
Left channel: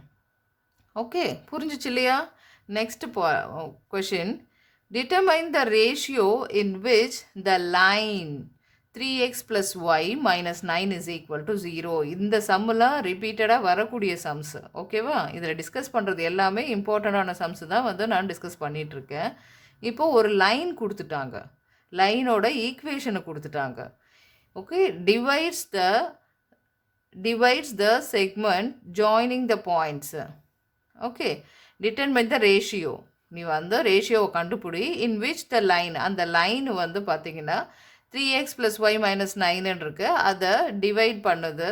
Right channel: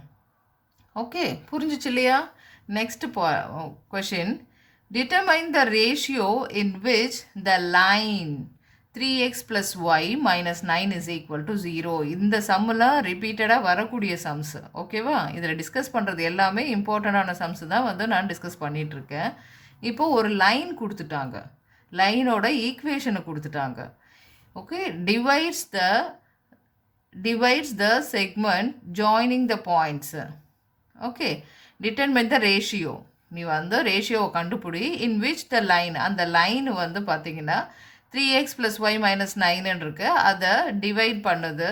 ஓகே, புரிஞ்சிச்சு இல்லையா? Next question, determine the ratio in which the line 3x plus y minus 9 is equal to 0. இந்த சம்மெல்லாம் ரிப்பீட்டடாக வரக்கூடிய சம்ஸ். ஓகேவா? இதில் டிஸ்கஸ் பண்ணுறது எல்லாமே இம்பார்ட்டண்டான சம்ஸ் தான் வந்து நான் டிஸ்கஸ் பண்ணிகிட்ருக்கேன். இப்போது ஒரு லைன் கொடுத்துட்டாங்க, லைனோட ஈக்குவேஷனை கொடுத்துட்டாங்க. Okay, divides the segment joining the points. Okay, determine the ratio. நீ வந்து ரேஷியோவை கண்டுபிடி in which the line, அந்த லைன் வந்து பார்த்தீங்கன்னா 3x plus y minus 9 இருக்கு, அதை டிவைட் பண்ணுது.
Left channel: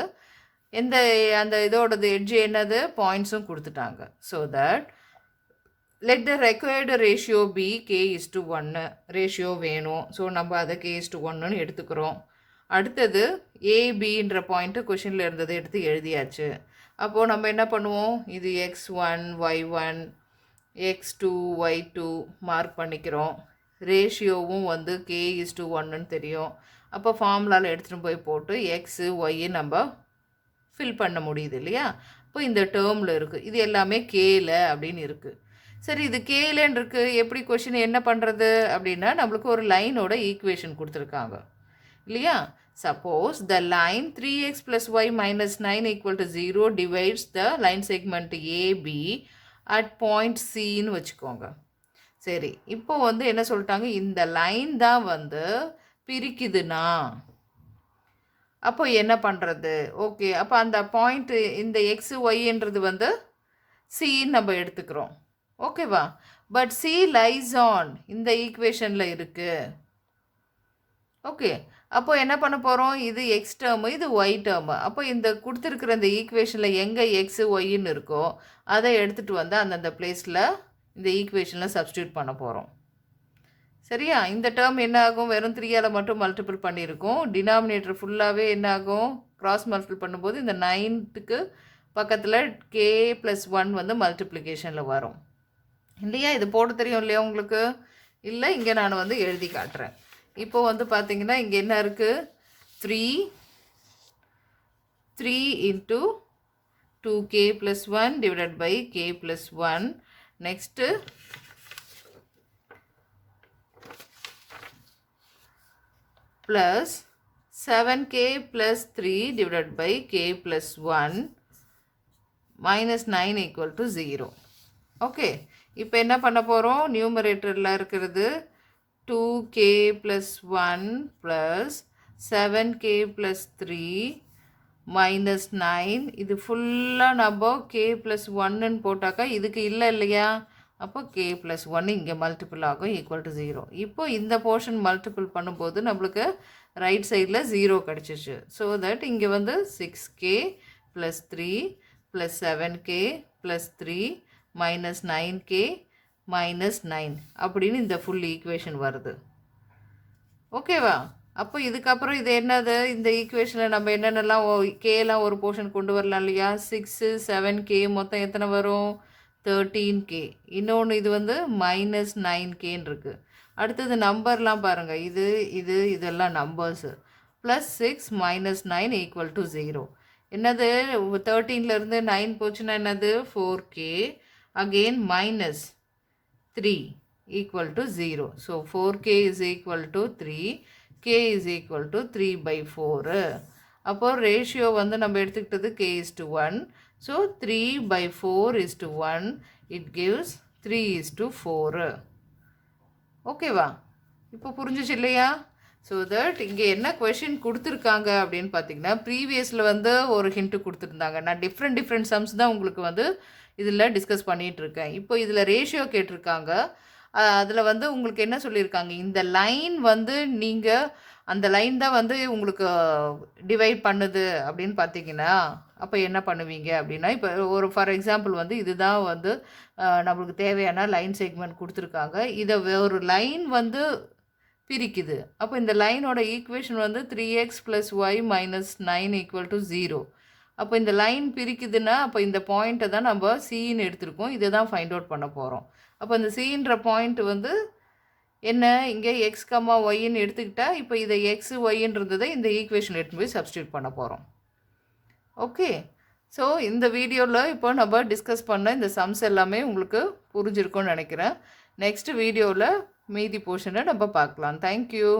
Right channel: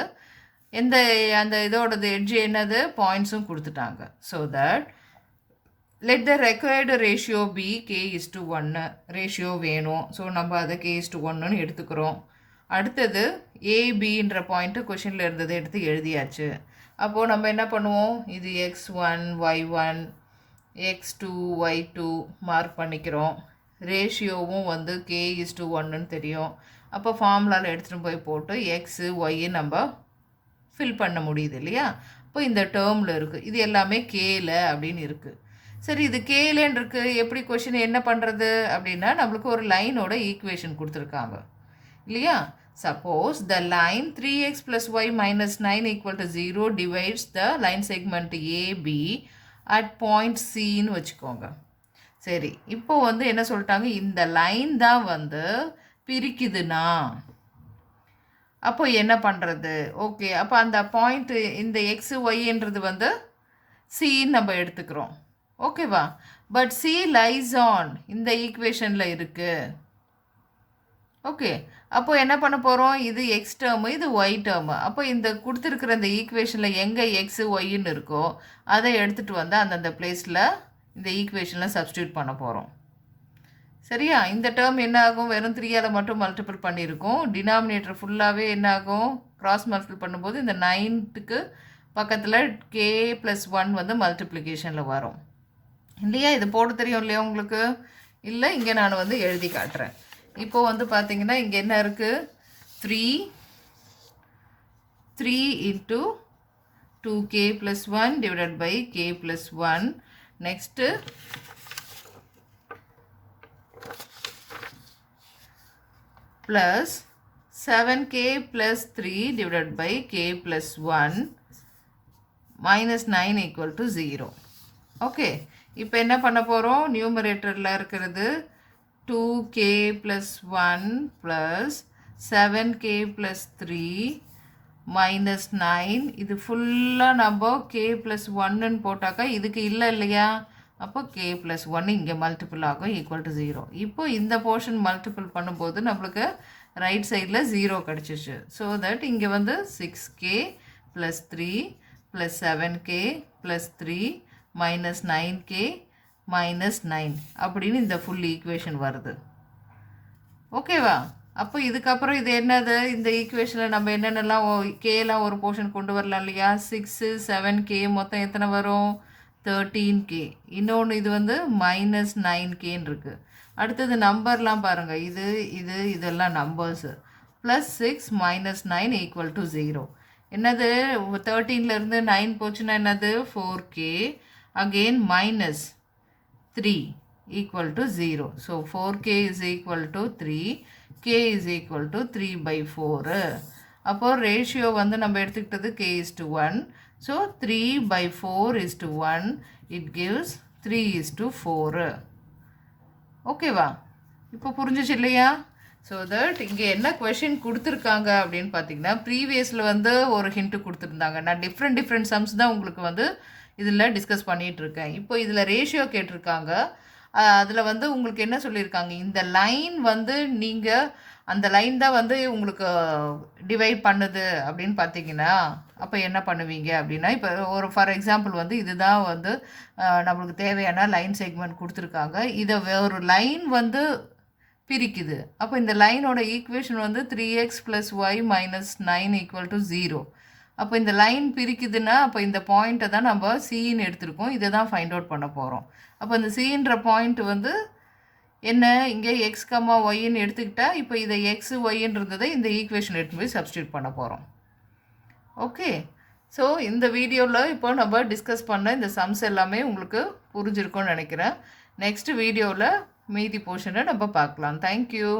அந்த இதோடது எட்ஜ் என்னது, பாயிண்ட்ஸும் கொடுத்துட்டாங்க. So that let the required ratio be k:1. Ratio வேணும், ஸோ நம்ம அதை k:1 எடுத்துக்கிறோம். அடுத்தது ஏபின்ற பாயிண்ட்டு கொஷினில் இருந்தது எடுத்து எழுதியாச்சு. அப்போது நம்ம என்ன பண்ணுவோம், இது x1 y1 x2 y2 mark பண்ணிக்கிறோம். ரேஷியோவும் வந்து k:1 தெரியும். அப்போ ஃபார்முலாவில் எடுத்துகிட்டு போய் போட்டு எக்ஸு ஒய்யை நம்ம ஃபில் பண்ண முடியுது இல்லையா? இப்போ இந்த டேர்மில் இருக்குது, இது எல்லாமே கேல அப்படின்னு இருக்குது. சரி, இது கேலன்னு இருக்குது, எப்படி கொஷின் என்ன பண்ணுறது அப்படின்னா நம்மளுக்கு ஒரு லைனோட ஈக்குவேஷன் கொடுத்துருக்காங்க இல்லையா? Suppose the line 3x plus y minus 9 equal to 0 divides the line segment AB at point Cன்னு வச்சுக்கோங்க. சரி, இப்போ வந்து என்ன சொல்லிட்டாங்க, இந்த லைன் தான் வந்து பிரிக்குதுன்னா அப்போ என்ன பண்ணுறது? ஓகே, அப்போ அந்த பாயிண்ட்டு இந்த எக்ஸு ஒய்ன்றது வந்து சின்னு நம்ம எடுத்துக்கிறோம். ஓகேவா? பட் சி லைஸ் ஆன் இந்த ஈக்குவேஷனில் இருக்குது. ஓகே, அப்போ என்ன பண்ண போகிறோம், இது எக்ஸ் டேர்மு இது ஒய் டேர்மு. அப்போ இந்த கொடுத்துருக்குற இந்த ஈக்குவேஷனில் எங்கே எக்ஸு ஒய்ன்னு இருக்கோ அதை எடுத்துகிட்டு வந்து அந்தந்த பிளேஸில் இந்த ஈக்குவேஷனில் சப்ஸ்டியூட் பண்ண போகிறோம். சரியா? இந்த டேர்ம் என்ன ஆகும், வெறும் 3ஆல் மட்டும் மல்டிபிள் பண்ணியிருக்கோம். டினாமினேட்டர் ஃபுல்லாகவே என்ன ஆகும், கிராஸ் மல்டிபிள் பண்ணும்போது இந்த 9க்கு பக்கத்தில் k+1 வந்து மல்டிப்ளிகேஷனில் வரும் இல்லையா? இது போட தெரியும் இல்லையா உங்களுக்கு? இல்லை, இங்கே நான் வந்து எழுதி காட்டுறேன். இப்போ வந்து பார்த்தீங்கன்னா இங்கே என்ன இருக்குது, 3 into 2k+1 divided by k+1. Next plus 7k plus 3 divided by k plus 1 minus 9 equal to 0. Okay, இப்போ என்ன பண்ண போகிறோம், நியூமரேட்டரில் இருக்கிறது 2k plus 1 plus 7k plus 3 minus 9. இது ஃபுல்லாக நம்ம k plus 1ன்னு போட்டாக்கா இதுக்கு இல்லை இல்லையா? அப்போ k plus 1 இங்கே மல்டிபிள் ஆகும் ஈக்குவல் டு 0. இப்போ இந்த போர்ஷன் மல்டிபிள் பண்ணும்போது நம்மளுக்கு ரைட் சைடில் 0 கிடச்சிச்சு. ஸோ தட் இங்கே வந்து 6k plus 3 plus 7k plus 3 minus 9k minus 9 அப்படின்னு இந்த ஃபுல் ஈக்குவேஷன் வருது. ஓகேவா? அப்போ இதுக்கப்புறம் இது என்னது, இந்த ஈக்குவேஷனில் நம்ம என்னென்னலாம் கேலாம் ஒரு போர்ஷன் கொண்டு வரலாம் இல்லையா? 6 7k மொத்தம் எத்தனை வரும், 13k. இன்னொன்று இது வந்து minus 9kன்னு இருக்குது. அடுத்தது நம்பர்லாம் பாருங்கள், இதெல்லாம் numbers. Plus 6 minus 9 equal to 0. என்னது, 13லேருந்து 9 போச்சுன்னா என்னது, 4k. Again minus 3 equal to 0. So 4k is equal to 3. k is equal to 3/4. அப்போ ரேஷியோ வந்து நம்ம எடுத்துக்கிட்டது k:1. So 3/4 is to 1. It gives 3:4. ஓகேவா? இப்போ புரிஞ்சிச்சு இல்லையா? ஸோ தட் இங்கே என்ன கொஷின் கொடுத்துருக்காங்க அப்படின்னு பார்த்தீங்கன்னா, ப்ரீவியஸில் வந்து ஒரு ஹிண்ட்டு கொடுத்துருந்தாங்க. நான் டிஃப்ரெண்ட் சம்ஸ் தான் உங்களுக்கு வந்து இதில் டிஸ்கஸ் பண்ணிகிட்ருக்கேன். இப்போ இதில் ரேஷியோ கேட்டிருக்காங்க. அதில் வந்து உங்களுக்கு என்ன சொல்லியிருக்காங்க, இந்த லைன் வந்து நீங்கள் அந்த லைன் தான் வந்து உங்களுக்கு டிவைட் பண்ணுது அப்படின்னு பார்த்தீங்கன்னா அப்போ என்ன பண்ணுவீங்க அப்படின்னா, இப்போ ஒரு ஃபார் எக்ஸாம்பிள் வந்து இதுதான் வந்து நம்மளுக்கு தேவையான லைன் செக்மெண்ட் கொடுத்துருக்காங்க. இதை ஒரு லைன் வந்து பிரிக்குது. அப்போ இந்த லைனோட ஈக்குவேஷன் வந்து 3x plus y minus 9 equal to 0. அப்போ இந்த லைன் பிரிக்குதுன்னா அப்போ இந்த பாயிண்ட்டை தான் நம்ம சின்னு எடுத்திருக்கோம். இதை தான் ஃபைண்ட் அவுட் பண்ண போகிறோம். அப்போ இந்த சின்ற பாயிண்ட் வந்து என்ன, இங்கே எக்ஸ் கம்மா ஒய்ன்னு எடுத்துக்கிட்டா இப்போ இதை எக்ஸ் ஒய்ன்றதை இந்த ஈக்குவேஷன் எடுத்து போய் சப்ஸ்டியூட் பண்ண போகிறோம். ஓகே, ஸோ இந்த வீடியோவில் இப்போ நம்ம டிஸ்கஸ் பண்ண இந்த சம்ஸ் எல்லாமே உங்களுக்கு புரிஞ்சிருக்கும்னு நினைக்கிறேன். நெக்ஸ்ட் வீடியோவில் மீதி போர்ஷனை நம்ம பார்க்கலாம். தேங்க்யூ.